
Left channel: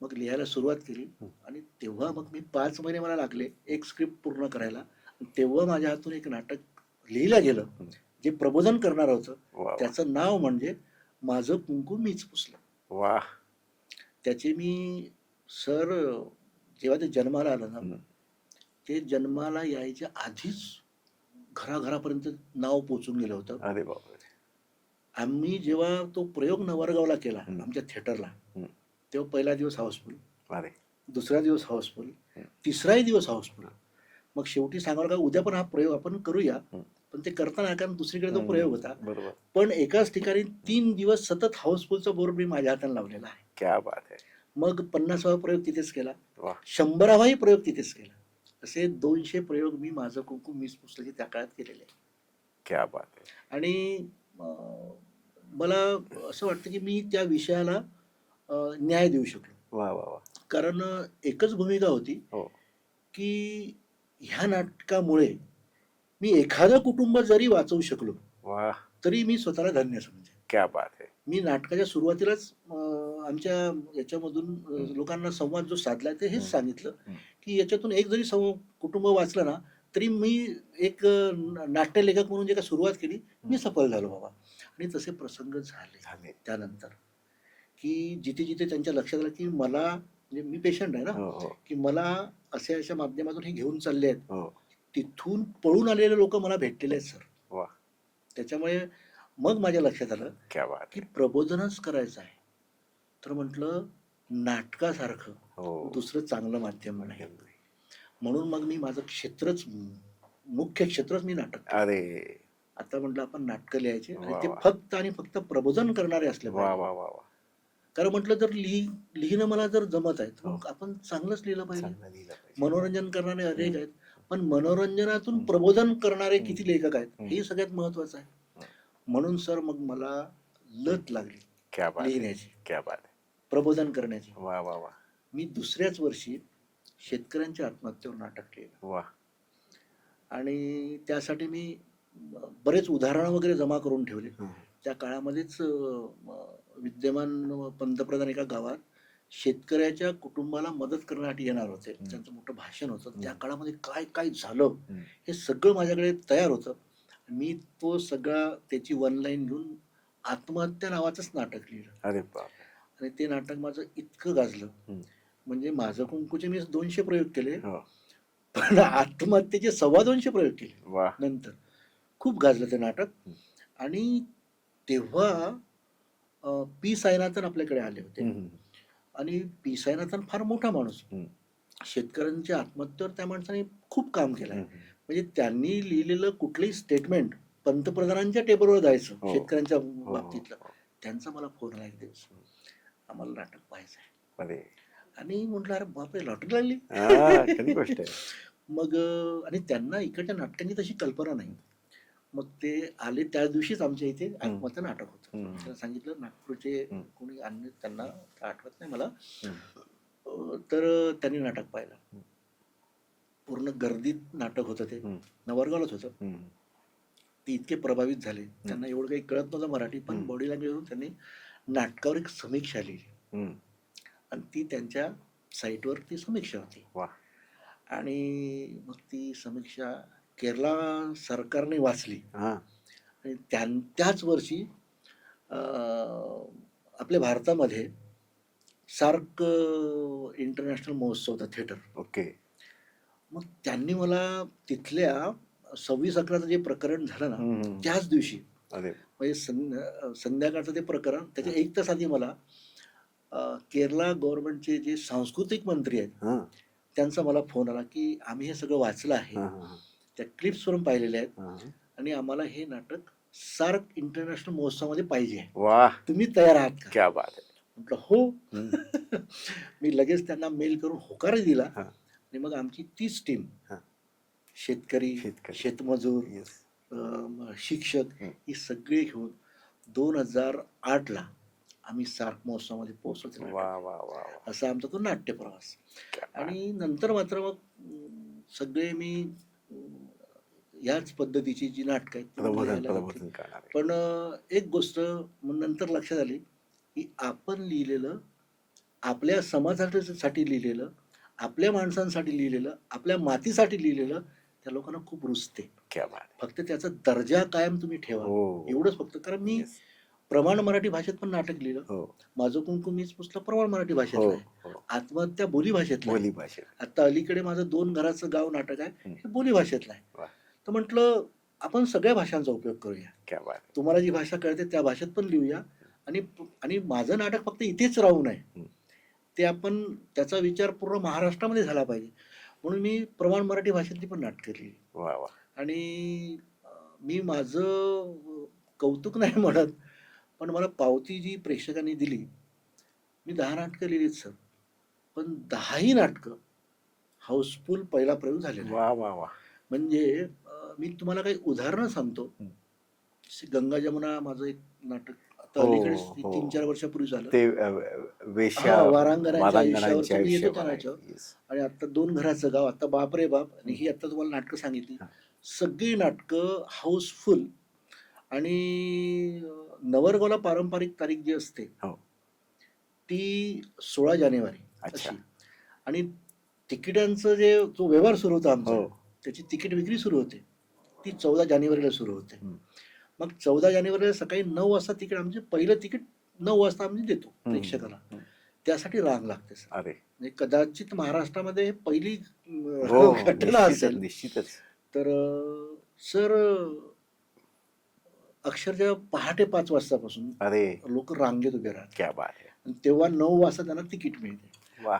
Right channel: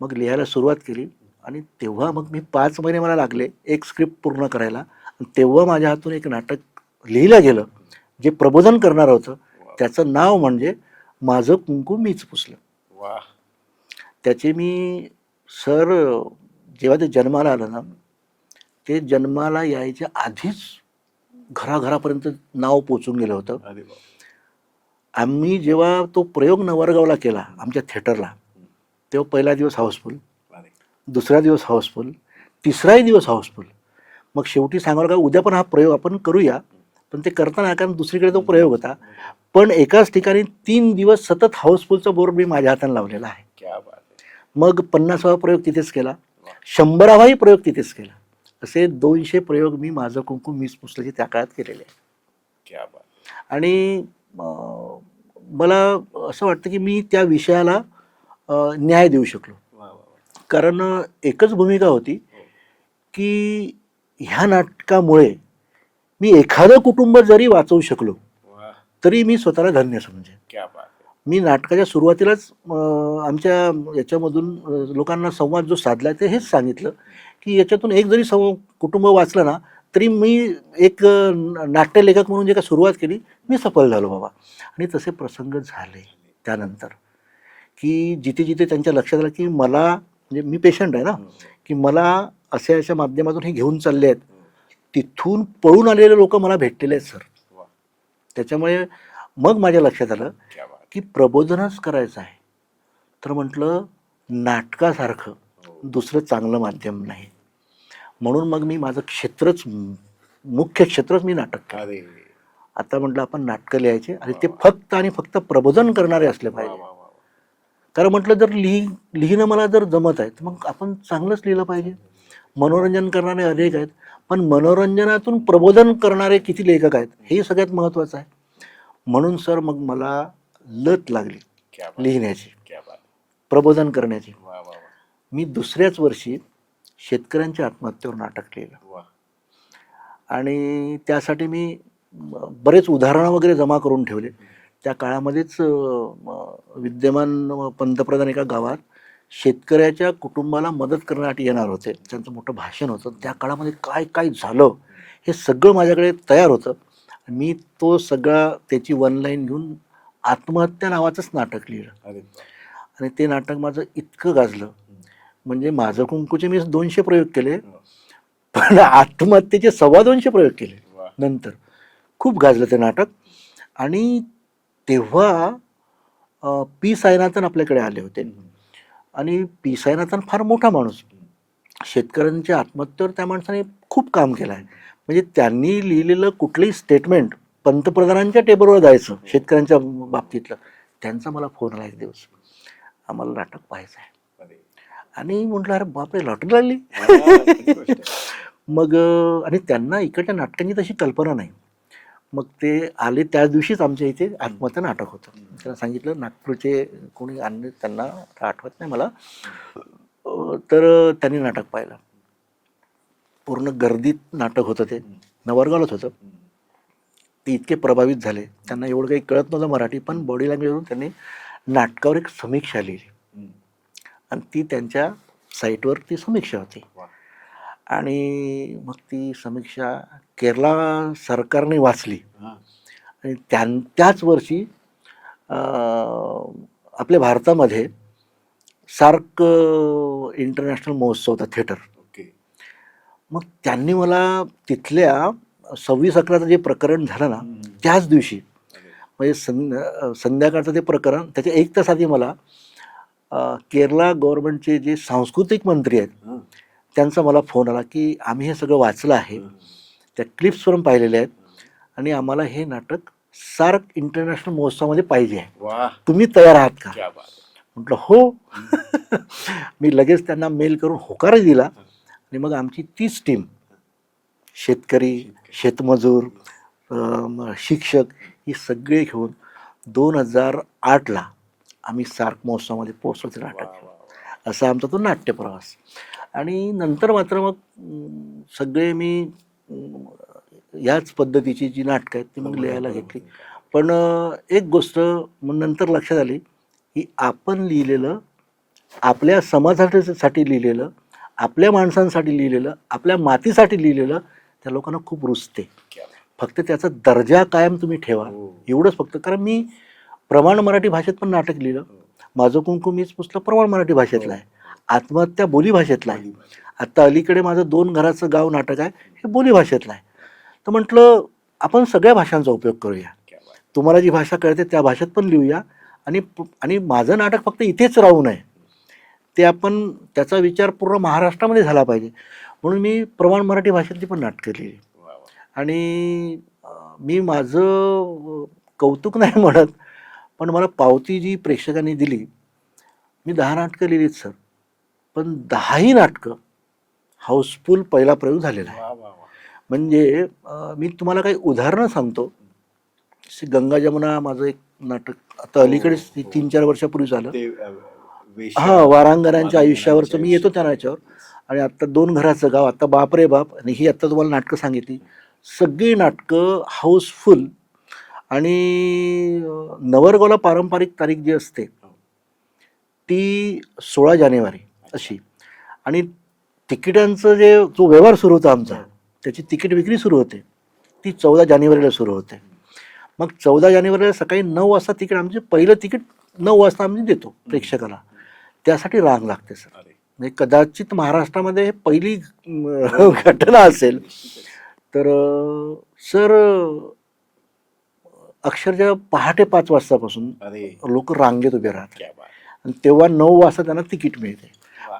मग लिहायला सुरुवात केली आणि तेव्हा मग मी 5 महिने मला लागले एक स्क्रिप्ट पूर्ण करायला. तेव्हा माझ्या हातून एक नाटक लिहिलं गेलं जे प्रबोधन करणार होतं. त्याचं नाव म्हणजे माझं कुंकू मीच पुसलं. वा. त्याचे मी सर जेव्हा ते जन्माला आलं ना, ते जन्माला यायच्या आधीच घराघरापर्यंत नाव पोचून गेलं होतं. अरे बाप. आम्ही जेव्हा तो प्रयोग नवरगावला केला आमच्या थिएटरला, तेव्हा पहिला दिवस हाऊसफुल, दुसरा दिवस हाऊसफुल, तिसराही दिवस हाऊसफुल. मग शेवटी सांगायला का उद्या पण हा प्रयोग आपण करूया. पण ते करताना कारण दुसरीकडे तो प्रयोग होता. पण एकाच ठिकाणी 3 दिवस सतत हाऊसफुलचा बोर्ड मी माझ्या हाताने लावलेला आहे. क्या बात आहे. मग 50वा प्रयोग तिथेच केला, 100वाही प्रयोग तिथेच केला. असे 200 प्रयोग मी माझं कुंकू मीच पुसल्याचे त्या काळात केलेले आहे. क्या बात आहे. आणि मला असं वाटतं की मी त्या विषयाला न्याय देऊ शकलो. वा, वा, वा. कारण एकच भूमिका होती की ह्या नाटकामुळे मी एखादं कुटुंब जरी वाचवू शकलो तरी मी स्वतःला धन्य समजेन. क्या बात आहे. मी नाटकाच्या सुरुवातीलाच आमच्या याच्यामधून लोकांना संवाद जो साधला ते हेच सांगितलं की याच्यातून एक जरी कुटुंब वाचलं ना तरी मी एक नाट्यलेखक म्हणून जे काय सुरुवात केली मी सफल झालो बाबा. आणि तसे प्रसंग झाले त्यानंतर की जिथे जिथे त्यांच्या लक्षात आलं की मला म्हणजे मी पेशंट आहे ना की मला अशा माध्यमातून हे घेऊन चालले आहेत, तिथून पळून आलेले लोक मला भेटलेले आहेत सर. त्याच्यामुळे मग माझ्या लक्षात आलं की प्रबोधनच करायचं आहे तर म्हटलं नाटकासारखं दुसरं चांगलं माध्यम नाही. म्हणून मग मी माझं क्षेत्रच मुख्य क्षेत्रच मी नाटक. अरे. आता म्हटलं आपण नाटकं लिहायचे आणि ते फक्त आणि फक्त प्रबोधन करणारे असले पाहिजे. कारण म्हटलं जर लिहिणं मला जर जमत आहे तर मग आपण चांगलंच लिहिलं पाहिजे. मनोरंजन करणारे अनेक आहेत पण मनोरंजनातून प्रबोधन करणारे किती लेखक आहेत हे सगळ्यात महत्वाचं आहे. म्हणून सर मग मला लत लागली लिहिण्याची, प्रबोधन करण्याची. मी दुसऱ्याच वर्षी शेतकऱ्यांच्या आत्महत्येवर नाटक लिहिलं आणि त्यासाठी मी बरेच उदाहरणं वगैरे जमा करून ठेवले. त्या काळामध्येच विद्यमान पंतप्रधान एका गावात शेतकऱ्याच्या कुटुंबाला मदत करण्यासाठी येणार होते. त्यांचं मोठं भाषण होतं. त्या काळामध्ये काय काय झालं हे सगळं माझ्याकडे तयार होतं. मी तो सगळा त्याची 1 लाईन घेऊन आत्महत्या नावाचंच नाटक लिहिलं. आणि ते नाटक माझं इतकं गाजलं म्हणजे माझं कुंकूचे मी 200 प्रयोग केले पण आत्महत्येचे 225 प्रयोग केले. नंतर खूप गाजलं ते नाटक. आणि तेव्हा पी साईनाथन आपल्याकडे आले होते. आणि पी साईनाथन फार मोठा माणूस, शेतकऱ्यांच्या आत्महत्येवर त्या माणसाने खूप काम केलं आहे. म्हणजे त्यांनी लिहिलेलं कुठलंही स्टेटमेंट पंतप्रधानांच्या टेबलवर जायचं शेतकऱ्यांच्या बाबतीतलं. त्यांचा मला फोन आला एक दिवस, आम्हाला नाटक पाहायचं आहे. अरे आणि म्हटलं अरे बापरे, लॉटरी लागली. खरी गोष्ट आहे. मग आणि त्यांना इकडच्या नाटकांची तशी कल्पना नाही. मग ते आले त्याच दिवशीच आमच्या इथे आत्महत्या नाटक होतं. त्यांना सांगितलं नागपूरचे कोणी आणले, त्यांना आता आठवत नाही मला. तर त्यांनी नाटक पाहिलं. पूर्ण गर्दीत नाटक होतं, ते नवरगावलाच होतं. ते इतके प्रभावित झाले, त्यांना एवढं काही कळत नव्हतं मराठी, पण बॉडी लँग्वेजवरून त्यांनी नाटकावर एक समीक्षा लिहिली आणि ती त्यांच्या साईटवर ती समीक्षा होती. आणि मग ती समीक्षा केरला सरकारने वाचली आणि त्याच वर्षी आपल्या भारतामध्ये सार्क इंटरनॅशनल महोत्सव होता, थिएटर. ओके. मग त्यांनी मला तिथल्या 26/11चं जे प्रकरण झालं ना त्याच दिवशी, म्हणजे संध्याकाळचं ते प्रकरण, त्याच्या 1 तास आधी मला केरला गव्हर्नमेंटचे जे सांस्कृतिक मंत्री आहेत त्यांचा मला फोन आला की आम्ही हे सगळं वाचलं आहे, त्या क्लिप्सवरून पाहिलेले आहेत आणि आम्हाला हे नाटक सार्क इंटरनॅशनल महोत्सवामध्ये पाहिजे आहे, तुम्ही तयार आहात का? म्हटलं हो. मी लगेच त्यांना मेल करून होकारही दिला. आणि मग आमची 30 टीम, शेतकरी, शेतमजूर, शिक्षक, ही सगळे घेऊन 2008ला आम्ही सार्क महोत्सवामध्ये पोहोचलो. ते नाटक असा आमचा तो नाट्य प्रवास. आणि नंतर मात्र मग सगळे मी याच पद्धतीची जी नाटकं आहेत ती मग लिहायला घेतली. पण एक गोष्ट मग नंतर लक्षात आली की आपण लिहिलेलं, आपल्या समाजासाठी लिहिलेलं, आपल्या माणसांसाठी लिहिलेलं, आपल्या मातीसाठी लिहिलेलं त्या लोकांना खूप रुचते. फक्त त्याचा दर्जा कायम तुम्ही ठेवा, एवढंच फक्त. कारण मी प्रमाण मराठी भाषेत पण नाटक लिहिलं. माझं कुंकू मीच पुस्तक प्रमाण मराठी भाषेतलं आहे. आत्महत्या बोली भाषेतला आहे. आता अलीकडे माझं 2 घराचं गाव नाटक आहे, हे बोली भाषेतलं आहे. तर म्हटलं आपण सगळ्या भाषांचा उपयोग करूया, तुम्हाला जी भाषा कळते त्या भाषेत पण लिहूया. आणि माझं नाटक फक्त इथेच राहू नये, ते आपण त्याचा विचार पूर्ण महाराष्ट्रामध्ये झाला पाहिजे. म्हणून मी प्रमाण मराठी भाषेतली पण नाटकं लिहिली. आणि मी माझं कौतुक नाही म्हणत, पण मला पावती जी प्रेक्षकांनी दिली, मी 10 नाटकं लिहिलीत सर, पण 10ही नाटकं हाऊसफुल पहिला प्रयोग झालेला आहे. म्हणजे मी तुम्हाला काही उदाहरणं सांगतो. गंगा जमुना माझं एक नाटक आता अलीकडेच 3-4 वर्षापूर्वी झालं. वारांगणांच्या आयुष्यावरचं मी येतो त्या नाटकावर. आणि आता 2 घराचं गाव, आता बाप रे बाप, आणि ही आता तुम्हाला नाटकं सांगितली. सगळी नाटकं हाऊसफुल. आणि नवरगावला पारंपरिक तारीख जी असते ती 16 जानेवारी अशी. आणि तिकिटांचं जो व्यवहार सुरू होता आमचा, त्याची तिकीट विक्री सुरू होते, ती 14 जानेवारीला सुरू होते. मग 14 जानेवारीला सकाळी 9 वाजता तिकीट, आमचे पहिलं तिकीट 9 वाजता आम्ही देतो प्रेक्षकाला. त्यासाठी रांग लागते सर. म्हणजे कदाचित महाराष्ट्रामध्ये हे पहिली घटना असेल. तर सर अक्षरशः पहाटे 5 वाजतापासून लोक रांगेत उभे राहतात आणि तेव्हा 9 वाजता त्यांना तिकीट मिळते.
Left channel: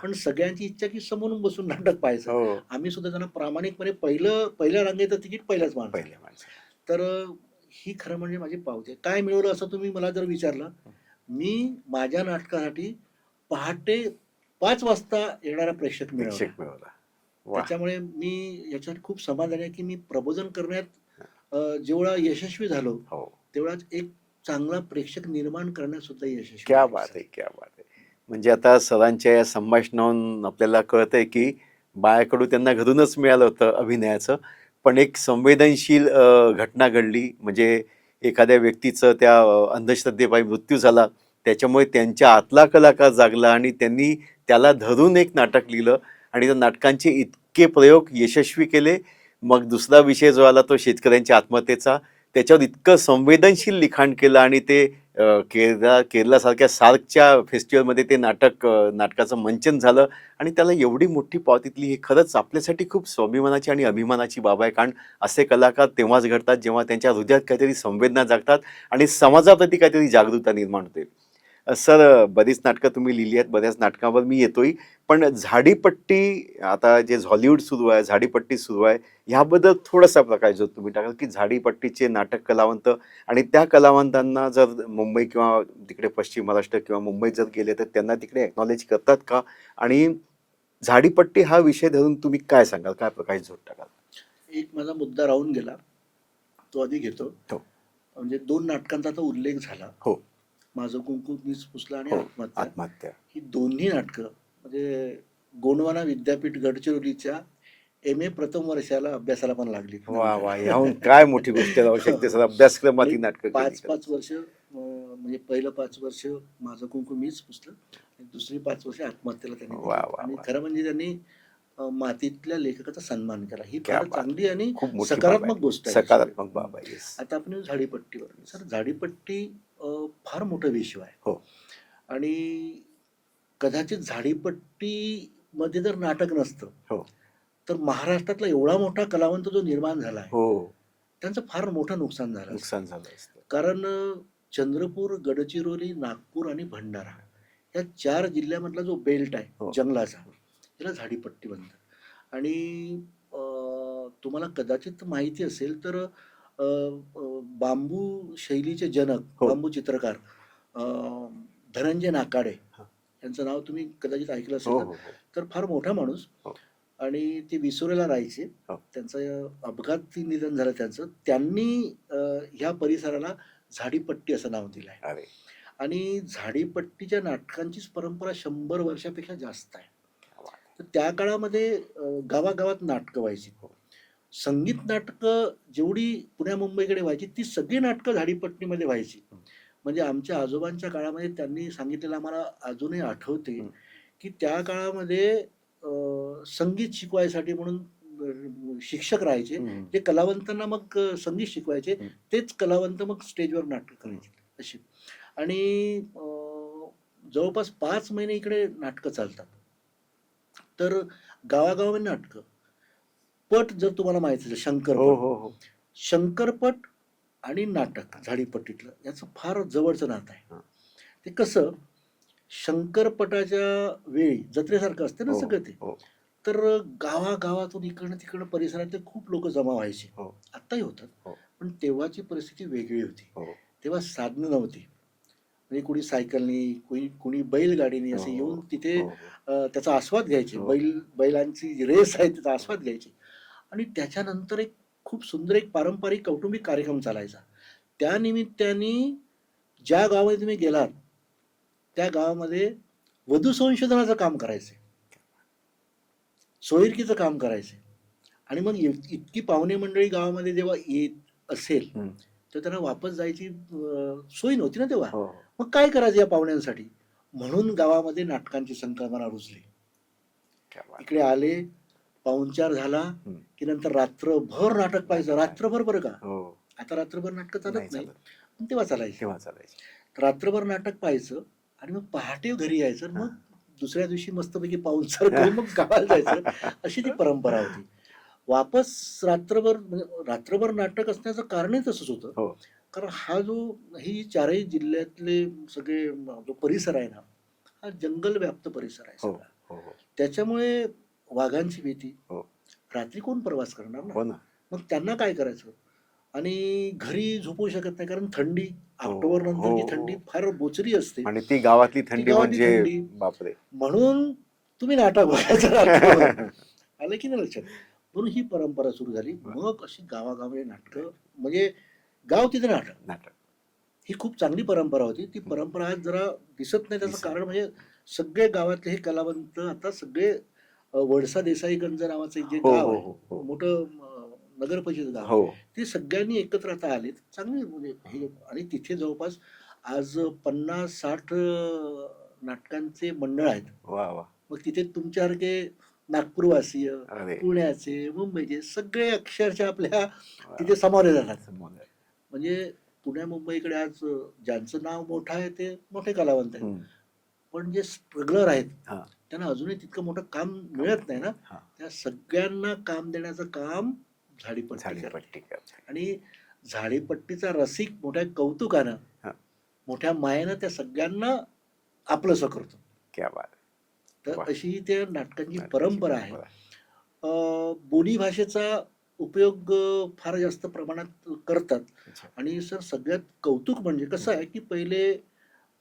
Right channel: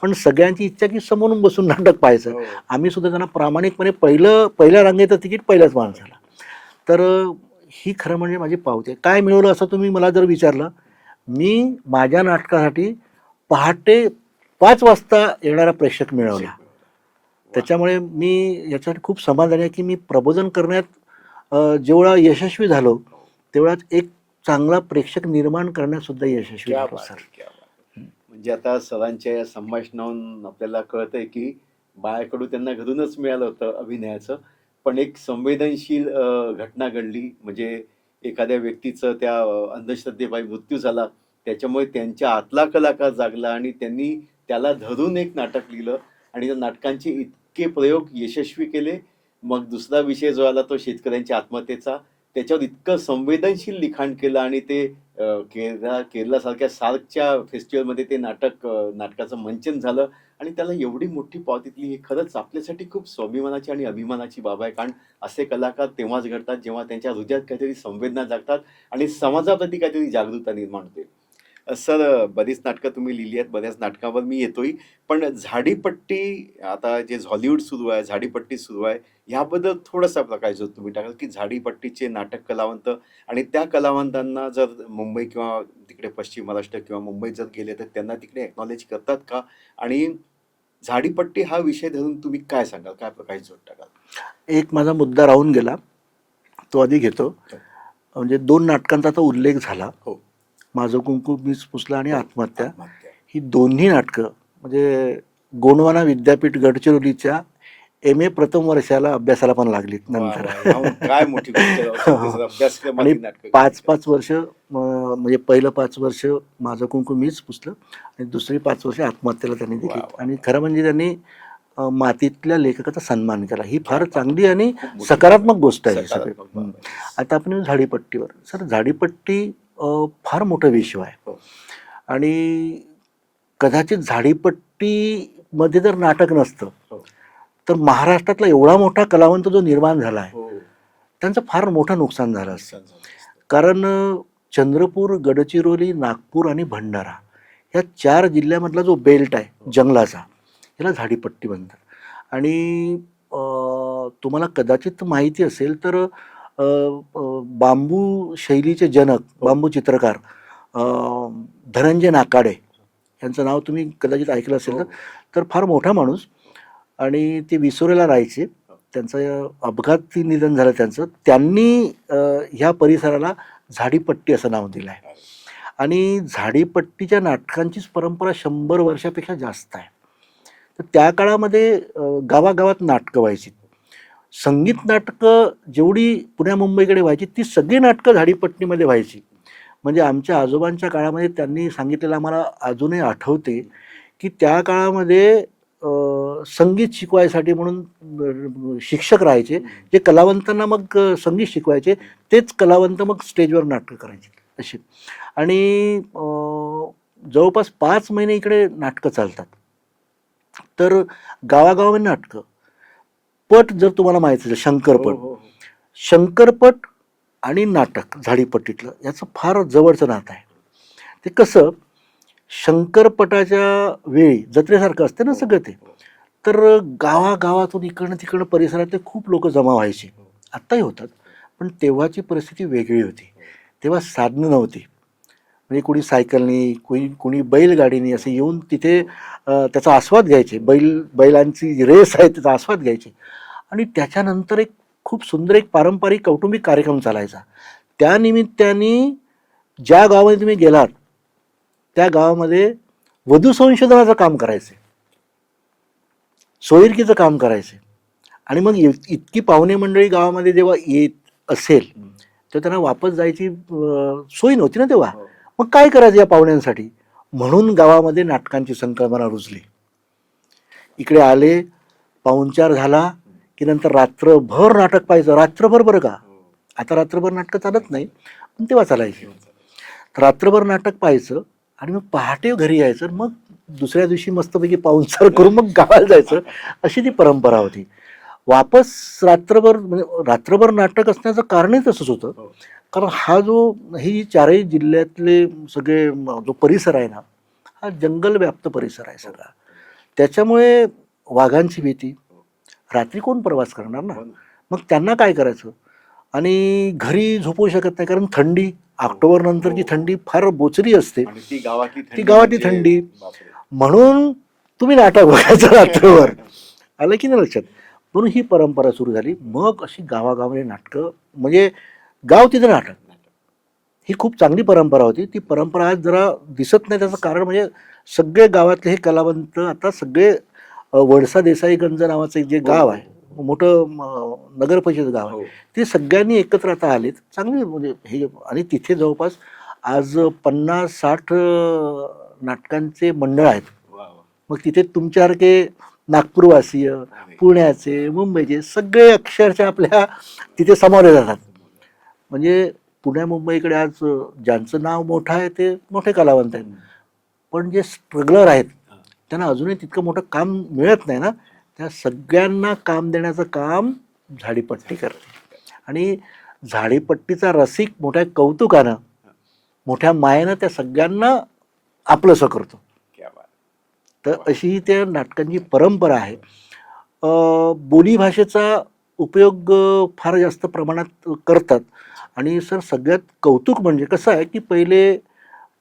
पण सगळ्यांची इच्छा की समोरून बसून नाटक पाहायचं. आम्ही सुद्धा त्यांना प्रामाणिकपणे पहिल्या रांगेचं तिकीट पहिल्याच माणसाला. तर ही खरं म्हणजे माझी पावती आहे. काय मिळवलं असं तुम्ही मला जर विचारलं, मी माझ्या नाटकासाठी पहाटे 5 वाजता येणारा प्रेक्षक मिळवला. त्याच्यामुळे मी याच्यासाठी खूप समाधानी आहे की मी प्रबोधन करण्यात जेवढा यशस्वी झालो, तेवढाच एक चांगला प्रेक्षक निर्माण करण्यात सुद्धा यशस्वी झालो. म्हणजे आता सरांच्या या संभाषणावरून आपल्याला कळतंय की बाळकडू त्यांना घरूनच मिळालं होतं अभिनयाचं, पण एक संवेदनशील घटना घडली. म्हणजे एखाद्या व्यक्तीचं त्या अंधश्रद्धेपायी मृत्यू झाला, त्याच्यामुळे त्यांच्या आतला कलाकार जागला आणि त्यांनी त्याला धरून एक नाटक लिहिलं आणि त्या नाटकांचे इतके प्रयोग यशस्वी केले. मग दुसरा विषय जो आला तो शेतकऱ्यांच्या आत्महत्येचा, त्याच्यावर इतकं संवेदनशील लिखाण केलं आणि ते केरलासारख्या सार्कच्या फेस्टिवलमध्ये ते नाटकाचं मंचन झालं आणि त्याला एवढी मोठी पाव तिथली. हे खरंच आपल्यासाठी खूप स्वाभिमानाची आणि अभिमानाची बाब आहे, कारण असे कलाकार तेव्हाच घडतात जेव्हा त्यांच्या हृदयात काहीतरी संवेदना जागतात आणि समाजाप्रती काहीतरी जागरूकता निर्माण होते. सर, बरीच नाटकं तुम्ही लिहिली आहेत, बऱ्याच नाटकांवर मी येतोय, पण झाडीपट्टी आता जे हॉलिवूड सुरू आहे, झाडीपट्टी सुरू आहे, ह्याबद्दल थोडासा प्रकाश जो तुम्ही टाकाल, की झाडीपट्टीचे नाटक कलावंत आणि त्या कलावंतांना जर मुंबई किंवा तिकडे पश्चिम महाराष्ट्र किंवा मुंबईत जर गेले तर त्यांना तिकडे एक्नॉलेज करतात का? आणि झाडीपट्टी हा विषय धरून तुम्ही काय सांगाल, काय प्रकाश जोड टाकाल? एक माझा मुद्दा राहून गेला, तो आधी घेतो. हो. म्हणजे 2 नाटकांचा आता उल्लेख झाला, हो. माझं कुंकू मीच पुसला आणि हो. आत्महत्या. आत्महत्या. ही दोन्ही नाटकं म्हणजे गोंडवाना विद्यापीठ गडचिरोलीच्या MA प्रथम वर्षाला अभ्यासाला पण लागलीत वा वा, नंतर. याहून काय मोठी गोष्ट राहू शकते सर, अभ्यासक्रमातली आणि नाटकं. 5-5 वर्ष म्हणजे पहिलं 5 वर्ष माझं कुंकू मीच पुसलं आणि दुसरी 5 वर्ष आत्महत्येला त्यांनी वा, दिली. वा, आणि वा. खरं म्हणजे त्यांनी मातीतल्या लेखकाचा सन्मान केला. ही फार क्या बात. चांगली आणि खूप मोठी सकारात्मक बाब आहे. गोष्ट आहे. सकारात्मक बाब आहे. आता आपण येऊ झाडीपट्टीवर. सर, झाडीपट्टी फार मोठा विषय आहे. हो. आणि कदाचित झाडीपट्टीमध्ये जर नाटक नसतं हो. तर महाराष्ट्रातला एवढा मोठा कलावंत जो निर्माण झाला आहे हो. त्यांचं फार मोठं नुकसान झालं असतं. नुकसान झालं असतं. कारण चंद्रपूर, गडचिरोली, नागपूर आणि भंडारा या 4 जिल्ह्यामधला जो बेल्ट आहे हो. जंगलाचा, याला झाडीपट्टी म्हणतात. आणि तुम्हाला कदाचित माहिती असेल तर बांबू शैलीचे जनक, हो. बांबू चित्रकार धनंजय नाकाडे यांचं नाव तुम्ही कदाचित ऐकलं असेल हो, तर. हो. तर फार मोठा माणूस हो. आणि ते विसोरेला राहायचे. हो. त्यांचं अपघाती निधन झालं त्यांचं. त्यांनी ह्या परिसराला झाडीपट्टी असं नाव दिलं आहे. अरे. आणि झाडीपट्टीच्या नाटकांचीच परंपरा 100 वर्षापेक्षा जास्त आहे. तर त्या काळामध्ये गावागावात नाटकं व्हायची. संगीत नाटकं जेवढी पुण्या मुंबईकडे व्हायची ती सगळी नाटकं झाडीपट्टीमध्ये व्हायची. म्हणजे आमच्या आजोबांच्या काळामध्ये त्यांनी सांगितलेलं आम्हाला अजूनही आठवते की त्या काळामध्ये संगीत शिकवायसाठी म्हणून शिक्षक राहायचे, जे कलावंतांना मग संगीत शिकवायचे. तेच कलावंत मग स्टेजवर नाटकं करायचे अशी. आणि जवळपास 5 महिने इकडे नाटकं चालतात. तर गावागावामध्ये नाटकं. पट जर तुम्हाला माहिती असेल, शंकरपट. हो, हो, हो. शंकरपट आणि नाटक झाडीपट्टीतलं याचं फार जवळचं नातं आहे. ते कसं, शंकरपटाच्या वेळी जत्रेसारखं असतं ना हो, सगळं ते. हो. तर गावागावातून इकडनं तिकडनं परिसरातले खूप लोक जमा व्हायचे. हो. आत्ताही होतात, हो. पण तेव्हाची परिस्थिती वेगळी होती. हो. तेव्हा साधनं नव्हती. म्हणजे कोणी सायकलनी, कोणी बैलगाडीनी असे येऊन तिथे त्याचा आस्वाद घ्यायचे. बैलांची रेस आहे त्याचा आस्वाद घ्यायचे. आणि त्याच्यानंतर एक खूप सुंदर एक पारंपरिक कौटुंबिक कार्यक्रम चालायचा. त्या निमित्ताने ज्या गावामध्ये तुम्ही गेलात त्या गावामध्ये वधू संशोधनाचं काम करायचे, सोयीरकीचं काम करायचे. आणि मग इतकी पाहुणे मंडळी गावामध्ये जेव्हा येत असेल तर त्यांना वापस जायची सोय नव्हती ना तेव्हा. हो. मग काय करायचं या पाहुण्यांसाठी? म्हणून गावामध्ये नाटकांची संकल्पना रुजली. इकडे आले, पाहुणचार झाला की नंतर रात्रभर नाटक पाहायचं. रात्रभर, बरं का, हो. आता रात्रभर नाटकं चालत नाही, पण तेव्हा चालायचे. तेव्हा चालायचं. तर रात्रभर नाटक पाहायचं आणि मग पहाटे घरी यायचं. मग दुसऱ्या दिवशी मस्तपैकी पाहुणचार करून मग गावाला जायचं. अशी ती परंपरा होती. वापस रात्रभर, म्हणजे रात्रभर नाटक असण्याचं कारणही तसंच होतं. हो. कारण हा जो ही 4ही जिल्ह्यातले सगळे जो परिसर आहे ना, हा जंगल व्याप्त परिसर आहे हो. सगळा. हो. त्याच्यामुळे वाघांची भीती, हो. रात्री कोण प्रवास करणार ना. हो ना. मग त्यांना काय करायचं? आणि घरी झोपू शकत नाही, कारण थंडी, ऑक्टोबर नंतरची हो. थंडी फार बोचरी असते. आणि ती गावातली थंडी, गावातली म्हणजे थंडी. बापरे. म्हणून तुम्ही नाटक बघायचं रात्रभर. आलं की नाही लक्षात? म्हणून ही परंपरा सुरू झाली. मग अशी गावागावामध्ये नाटकं, म्हणजे गाव तिथे नाटक. ही खूप चांगली परंपरा होती. ती परंपरा आज जरा दिसत नाही. त्याचं कारण म्हणजे सगळे गावातले हे कलावंत आता सगळे वडसा देसाईगंज नावाचं एक जे गाव आहे, मोठं नगर परिषद गाव आहे, हो. ते सगळ्यांनी एकत्र आता आलेत. चांगले म्हणजे हे. आणि तिथे जवळपास आज 50-60 नाटकांचे मंडळ आहेत. वा वा. मग तिथे तुमच्यासारखे नागपूरवासीय, अरे. पुण्याचे, मुंबईचे सगळे अक्षरशः आपल्या तिथे सामोरे जातात. म्हणजे पुण्या मुंबईकडे आज ज्यांचं नाव मोठं आहे ते मोठे कलावंत आहेत, पण जे स्ट्रगलर आहेत हा. त्यांना अजूनही तितकं मोठं काम मिळत नाही ना. हा. त्या सगळ्यांना काम देण्याचं काम झाडीपट्टी करते. आणि झाडीपट्टीचा रसिक मोठ्या कौतुकानं, हा. मोठ्या मायेनं त्या सगळ्यांना आपलंसं करतो. क्या बात. तर वा. अशी त्या नाटकांची परंपरा आहे. बोलीभाषेचा उपयोग फार जास्त प्रमाणात करतात. आणि सर सगळ्यात कौतुक म्हणजे कसं आहे की पहिले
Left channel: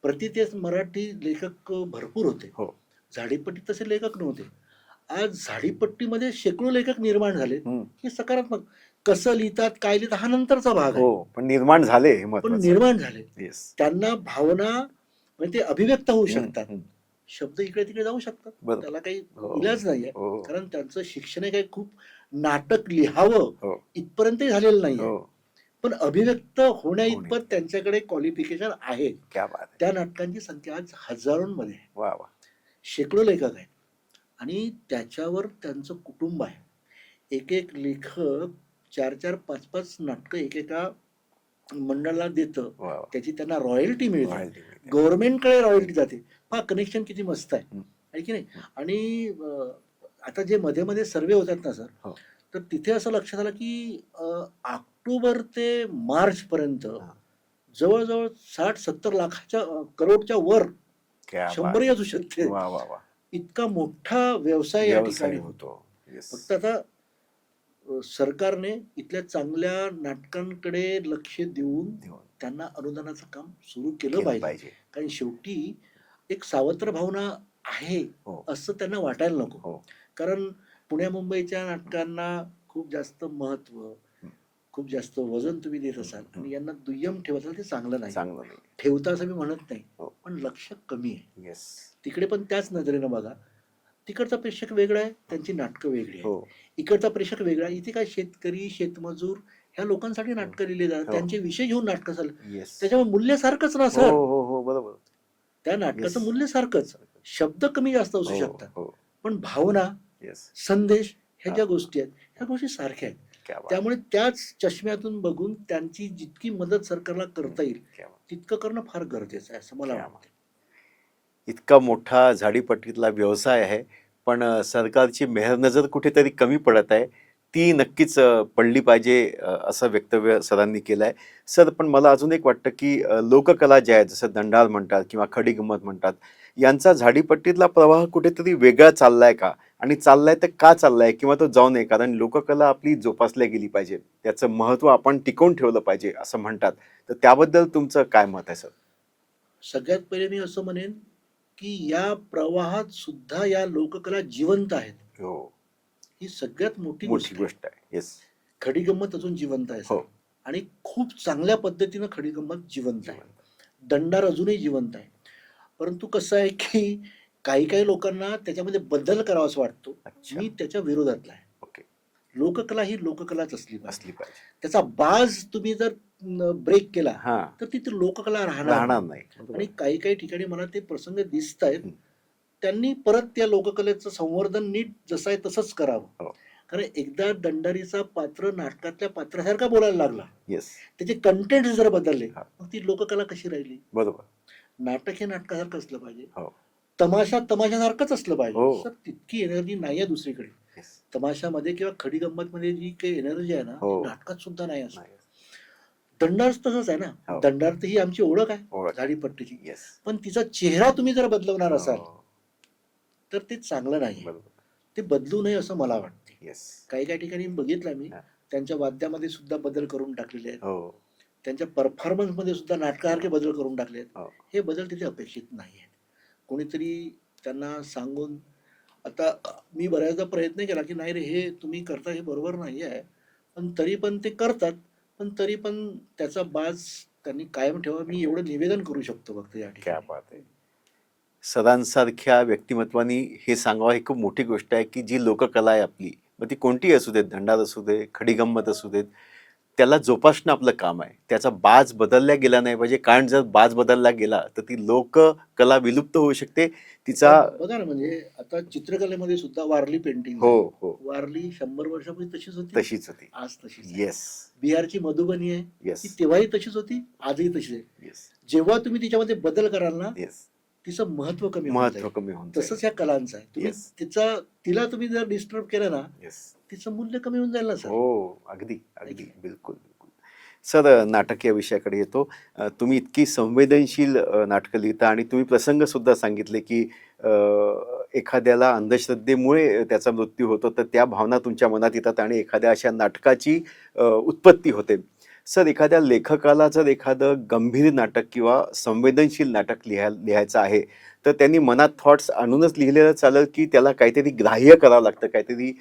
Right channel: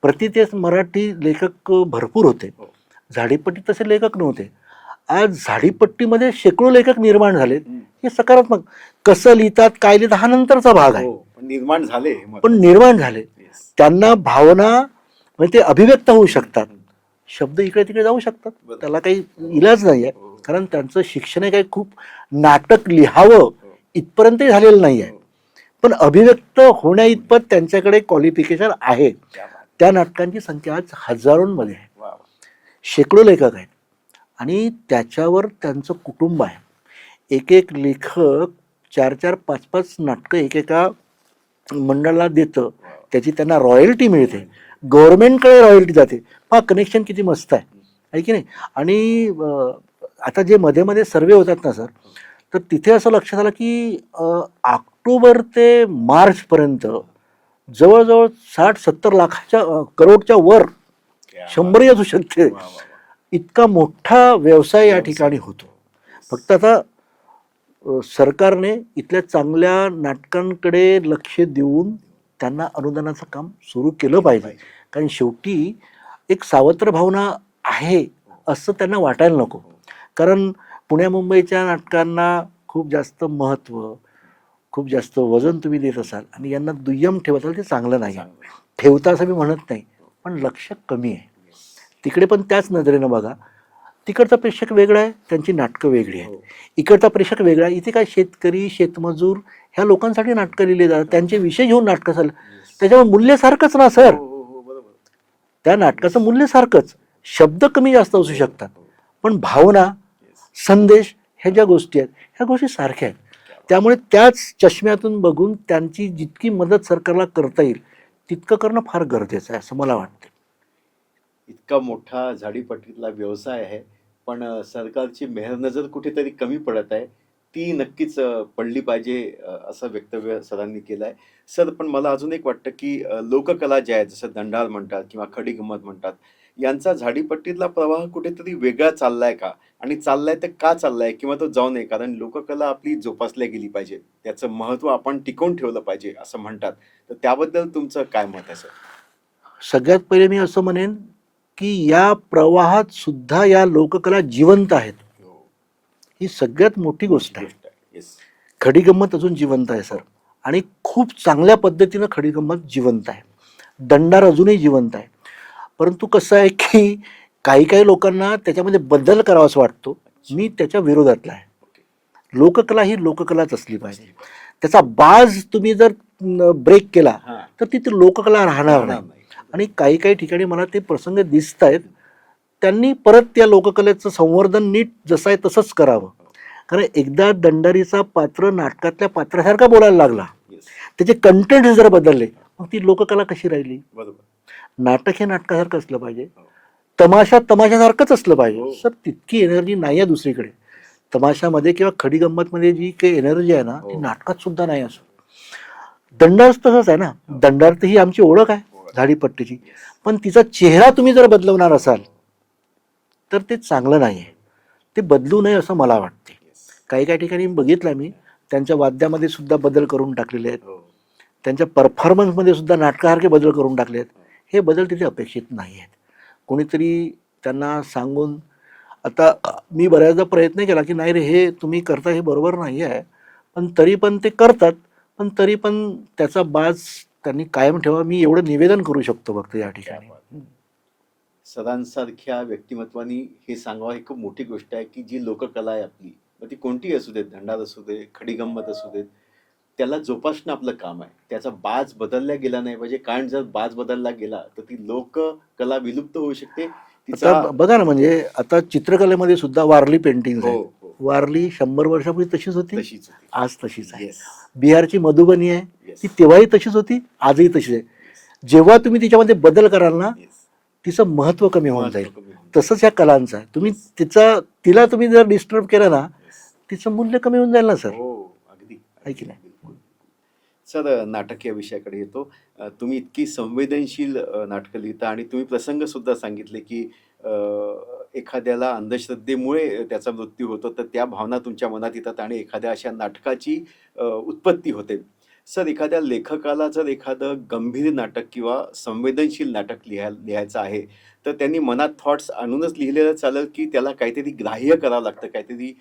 प्रतितेच मराठी लेखक भरपूर होते, हो. झाडीपट्टी तसे लेखक नव्हते. आज झाडीपट्टीमध्ये शेकडो लेखक निर्माण झाले. हे सकारात्मक. कसं लिहितात काय लिहितात हा नंतरचा भाग आहे, हो, पण निर्माण झाले हे पण महत्त्वाचं. निर्माण झाले. Yes. त्यांना भावना म्हणजे ते अभिव्यक्त होऊ शकतात. हम्म. शब्द इकडे तिकडे जाऊ शकतात, बरोबर. त्याला काही हो. इलाज नाहीये. हो. कारण त्यांचं शिक्षण हे काही खूप नाटक लिहावं हो. इथपर्यंतही झालेलं नाहीये, हो. पण अभिव्यक्त होण्या इतपत त्यांच्याकडे क्वालिफिकेशन आहे. क्या बात. त्या नाटकांची संख्या आज हजारोंमध्ये आहे. वा वा. शेकडो लेखक आहेत आणि त्याच्यावर त्यांचं कुटुंब आहे. एक एक लेखक 4-4, 5-5 नाटकं एकेका मंडळाला देतं. वा वा. त्याची त्यांना रॉयल्टी मिळते. Royalty. गव्हर्नमेंटकडे रॉयल्टी जाते. हा कनेक्शन किती मस्त आहे की नाही. आणि आता जे मध्ये मध्ये सर्वे होतात ना सर, हो. तर तिथे असं लक्षात आलं की ऑक्टोबर ते मार्च पर्यंत जवळजवळ 60-70 लाखाच्या करोडच्या वर, क्या 100 असू शकते, वा वा वा. इतका मोठा व्यवसाय या ठिकाणी व्यवसाय होतो. Yes. फक्त आता सरकारने इथल्या चांगल्या नाटकांकडे लक्ष देऊन त्यांना अनुदानाचं काम सुरू केलं पाहिजे. कारण शेवटी एक सावत्र भावना आहे हो. असं त्यांना वाटायला नको. हो. कारण पुण्या मुंबईच्या नाटकांना खूप जास्त महत्त्व, खूप जास्त वजन तुम्ही देत असाल आणि यांना दुय्यम ठेवत असाल, ते चांगलं नाही. चांगलं नाही. ठेवता असं मी म्हणत नाही, हो. पण लक्ष कमी आहे. Yes. तिकडे पण त्याच नजरेनं बघा. तिकडचा प्रेक्षक वेगळा आहे, त्यांची नाटकं वेगळी आहेत. हो. इकडचा प्रेक्षक वेगळा आहे. इथे काय शेतकरी, शेतमजूर ह्या लोकांसाठी नाटकं लिहिली जातात, हो. त्यांचे विषय घेऊन नाटकं चाललं. Yes. त्याच्यामुळे मूल्य सारखंच ना सर. हो, हो, हो, बरोबर. त्या नाटकाचं Yes. मूल्य सारखंच. शब्द कमी जास्त असू हो, शकतात, हो. पण भावना, Yes. संदेश ह्या ज्या गोष्टी आहेत ह्या गोष्टी सारख्या आहेत. क्या बात. त्यामुळे त्याच चष्म्यातून बघून त्यांची जितकी मदत सरकारला करता येईल क्या बात. तितकं करणं फार गरजेचं आहे असं मला वाटतं. इतका मोठा झाडीपट्टीतला व्यवसाय आहे, पण सरकारची मेहरनजर कुठेतरी कमी पडत आहे. ती नक्कीच पडली पाहिजे असं वक्तव्य सरांनी केलं आहे. सर, पण मला अजून एक वाटतं की लोककला ज्या आहेत, जसं दंडार म्हणतात किंवा खडी गंमत म्हणतात, यांचा झाडीपट्टीतला प्रवाह कुठेतरी वेगळा चाललाय का? आणि चाललाय तर का चाललाय किंवा तो जाऊ नये? कारण लोककला आपली जोपासल्या गेली पाहिजे, त्याचं महत्त्व आपण टिकवून ठेवलं पाहिजे असं म्हणतात. तर त्याबद्दल तुमचं काय मत आहे सर? सगळ्यात पहिले मी असं म्हणेन की या प्रवाहात सुद्धा या लोककला जिवंत आहेत. हो. ही सगळ्यात मोठी गोष्ट आहे. आहे. येस. खडी गंमत अजून जिवंत आहे सर, हो. आणि खूप चांगल्या पद्धतीनं खडी गंमत जिवंत आहे. दंडार अजूनही जिवंत आहे. परंतु कसं आहे की काही काही लोकांना त्याच्यामध्ये बदल करावासा वाटतो. अच्छा. मी त्याच्या विरोधातला आहे. ओके. लोककला ही लोककलाच असली पाहिजे. असली पाहिजे. त्याचा बाज तुम्ही जर ब्रेक केला हा. तर तिथे लोककला राहणार राहणार नाही. नाही. आणि काही काही ठिकाणी मला ते प्रसंग दिसत आहेत. त्यांनी परत त्या लोककलेचं संवर्धन नीट जसं आहे तसंच करावं. हो. कारण एकदा दंडारीचा पात्र नाटकातल्या पात्रासारखा बोलायला लागला, येस. त्याचे कंटेंट जर बदलले, हा. मग ती लोककला कशी राहिली? बरोबर. नाटक हे नाटकासारखं असलं पाहिजे, हो. तमाशा तमाशासारखंच असलं पाहिजे. हो. सर तितकी एनर्जी नाही आहे दुसरीकडे. Yes. तमाशामध्ये किंवा खडी गंमत मध्ये जी काही एनर्जी आहे ना, ती हो. नाटकात सुद्धा नाही असं. दंडार तसंच आहे ना. हो. दंडार तर ही आमची ओळख आहे ओळख. झाडीपट्टीची, Yes. पण तिचा चेहरा तुम्ही जर बदलवणार असाल हो. तर ते चांगलं नाही. बरोबर. ते बदलू नये असं मला वाटते. Yes. काही काही ठिकाणी बघितलं मी, हा. त्यांच्या वाद्यामध्ये सुद्धा बदल करून टाकलेले आहेत. हो. त्यांच्या परफॉर्मन्समध्ये सुद्धा नाटकासारखे बदल करून टाकले आहेत. हो. हे बदल तिथे अपेक्षित नाही आहेत. कोणीतरी त्यांना सांगून, आता मी बऱ्याचदा प्रयत्न केला की नाही रे, हे तुम्ही करता हे बरोबर नाही आहे, पण तरी पण ते करतात. पण तरी पण त्याचा बाज त्यांनी कायम ठेवा, मी एवढं निवेदन करू शकतो फक्त या क्या ठिकाणी. बात आहे. सदांसारख्या व्यक्तिमत्वानी हे सांगावं ही खूप मोठी गोष्ट आहे की जी लोककला आहे आपली, मग ती कोणतीही असू देत, दंडार असू दे, खडी गंमत असू देत, त्याला जोपासणं आपलं काम आहे. त्याचा बाज बदलला गेला नाही पाहिजे, कारण जर बाज बदलला गेला तर ती लोककला विलुप्त होऊ शकते तिचा आता बघा ना, म्हणजे आता चित्रकलेमध्ये सुद्धा वारली पेंटिंग हो आहे. हो वारली 100 वर्षापूर्वी तशीच होती, तशीच होती. आज तशीच आहे. येस बिहारची मधुबनी आहे, येस ती तेव्हाही तशीच होती, आजही तशीच आहे. येस जेव्हा तुम्ही तिच्यामध्ये बदल कराल ना, येस तिचं महत्व कमी होऊन महत्व जाईल. कमी होऊन तसंच ह्या कलांचं आहे. तुम्ही Yes. तिला तुम्ही जर डिस्टर्ब केलं ना, येस तिचं मूल्य कमी होऊन जाईल ना सर. हो अगदी आहे की अगदी नाही? बिलकुल बिलकुल. सर नाटक या विषयाकडे येतो. तुम्ही इतकी संवेदनशील नाटकं लिहिता आणि तुम्ही प्रसंग सुद्धा सांगितले की अ, एखाद्याला अंधश्रद्धेमुळे त्याचा मृत्यू होतो तर त्या भावना तुमच्या मनात येतात आणि एखाद्या अशा नाटकाची उत्पत्ती होते. सर एखाद्या लेखकाला जर एखादं गंभीर नाटक किंवा संवेदनशील नाटक लिहायचं आहे तर त्यांनी मनात थॉट्स आणूनच लिहिलेलं चालेल की त्याला काहीतरी ग्राह्य करावं लागतं, काहीतरी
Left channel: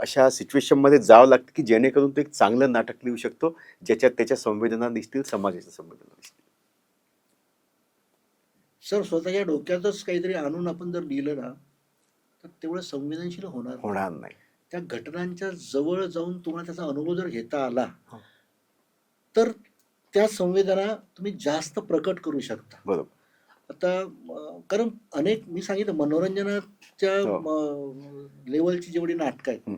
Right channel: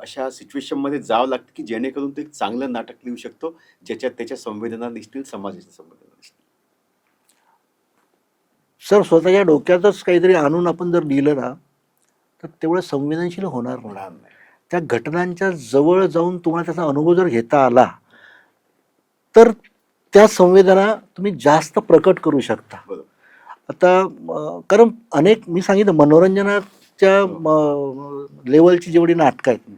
अशा सिच्युएशनमध्ये जावं लागतं की जेणेकरून तो एक चांगलं नाटक लिहू शकतो ज्याच्यात त्याच्या संवेदना दिसतील, समाजाच्या संवेदना दिसतील. सर स्वतःच्या डोक्यातच काहीतरी आणून आपण जर लिहिलं ना, तर तेवढं संवेदनशील होणार नाही. होणार नाही. त्या घटनांच्या जवळ जाऊन तुम्हाला त्याचा अनुभव जर घेता आला, तर त्या संवेदना तुम्ही जास्त प्रकट करू शकता. बरोबर. आता कारण अनेक मी सांगितलं मनोरंजनाच्या लेवलची जेवढी नाटकं आहेत, हं.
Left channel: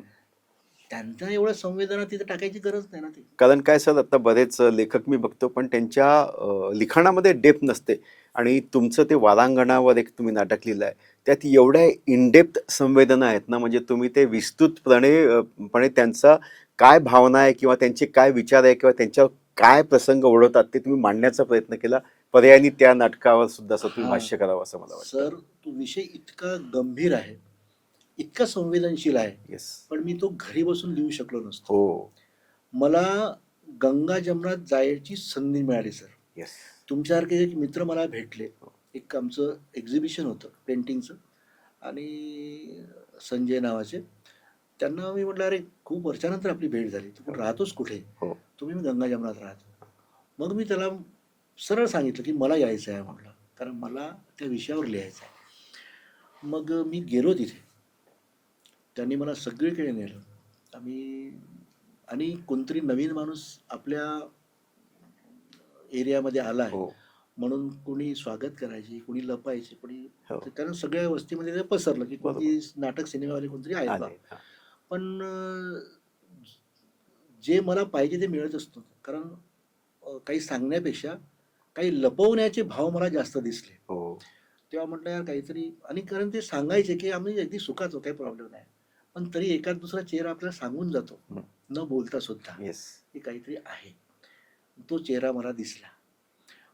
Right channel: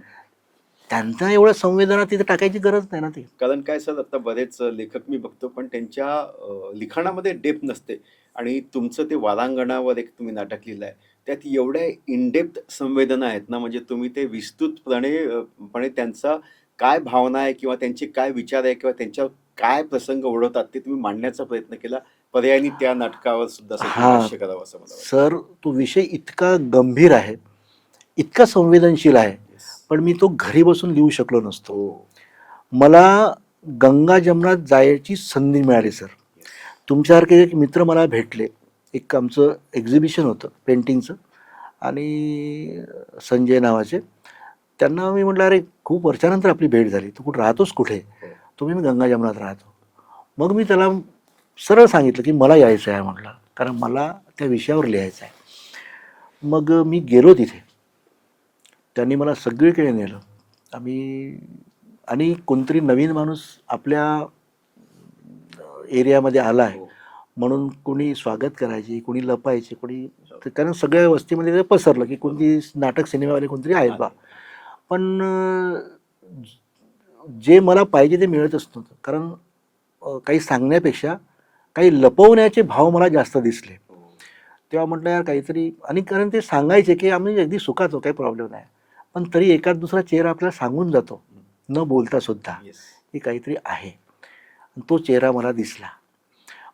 त्यांचा एवढं संवेदना तिथे टाकायची गरज नाही ना ती. कारण काय सर आता बरेच लेखक मी बघतो पण त्यांच्या लिखाणामध्ये डेप्थ नसते आणि तुमचं ते वारांगणावर एक तुम्ही नाटक लिहिलंय त्यात एवढ्या इनडेप्थ संवेदना आहेत ना म्हणजे तुम्ही ते विस्तृतपणे त्यांचा काय भावना आहे किंवा त्यांचे काय विचार आहे किंवा त्यांच्यावर काय प्रसंग ओढवतात ते तुम्ही मांडण्याचा प्रयत्न केला. पर्यायाने त्या नाटकावर सुद्धा सर तुम्ही हा भाष्य करावं असं मला वाटतं. सर, तो विषय इतका गंभीर आहे, इतका संवेदनशील आहे, येस पण मी तो घरी बसून लिहू शकलो नसतो. हो मला गंगा जमनात जायची संधी मिळाली सर. येस तुमच्यासारखे एक मित्र मला भेटले. एक आमचं एक्झिबिशन होतं पेंटिंगचं आणि संजय नावाचे. त्यांना मी म्हटलं, अरे खूप वर्षानंतर आपली भेट झाली, तू कुठं राहतोस कुठे? हो तुम्ही मी गंगा जमनात राहतो. मग मी त्याला सरळ सांगितलं की मला यायचं आहे म्हटलं, कारण मला त्या विषयावर लिहायचं आहे. मग मी गेलो तिथे. त्यांनी मला सगळीकडे नेलं. आम्ही आणि कोणतरी नवीन माणूस आपल्या एरियामध्ये आला आहे हो म्हणून कोणी स्वागत करायचे, कोणी लपायचे, कोणी हो. कारण सगळ्या वस्तीमध्ये ते पसरलं की कोणती नाटक सिनेमावाले कोणतरी आहेत बा. आले. पण जे मला पाहिजे ते मिळतच नव्हतं. कारण काही सांगण्यापेक्षा काही लपवण्याचे भाव मला जास्त दिसले. हो तेव्हा म्हटलं यार काहीतरी, आणि कारण ते सांगायचे की आम्ही अगदी सुखात काही प्रॉब्लेम नाही, पण तरी एखाद दुसरा चेहरा आपल्याला सांगून जातो न बोलता सुद्धा येस की काहीतरी आहे. तो चेहरा मला दिसला.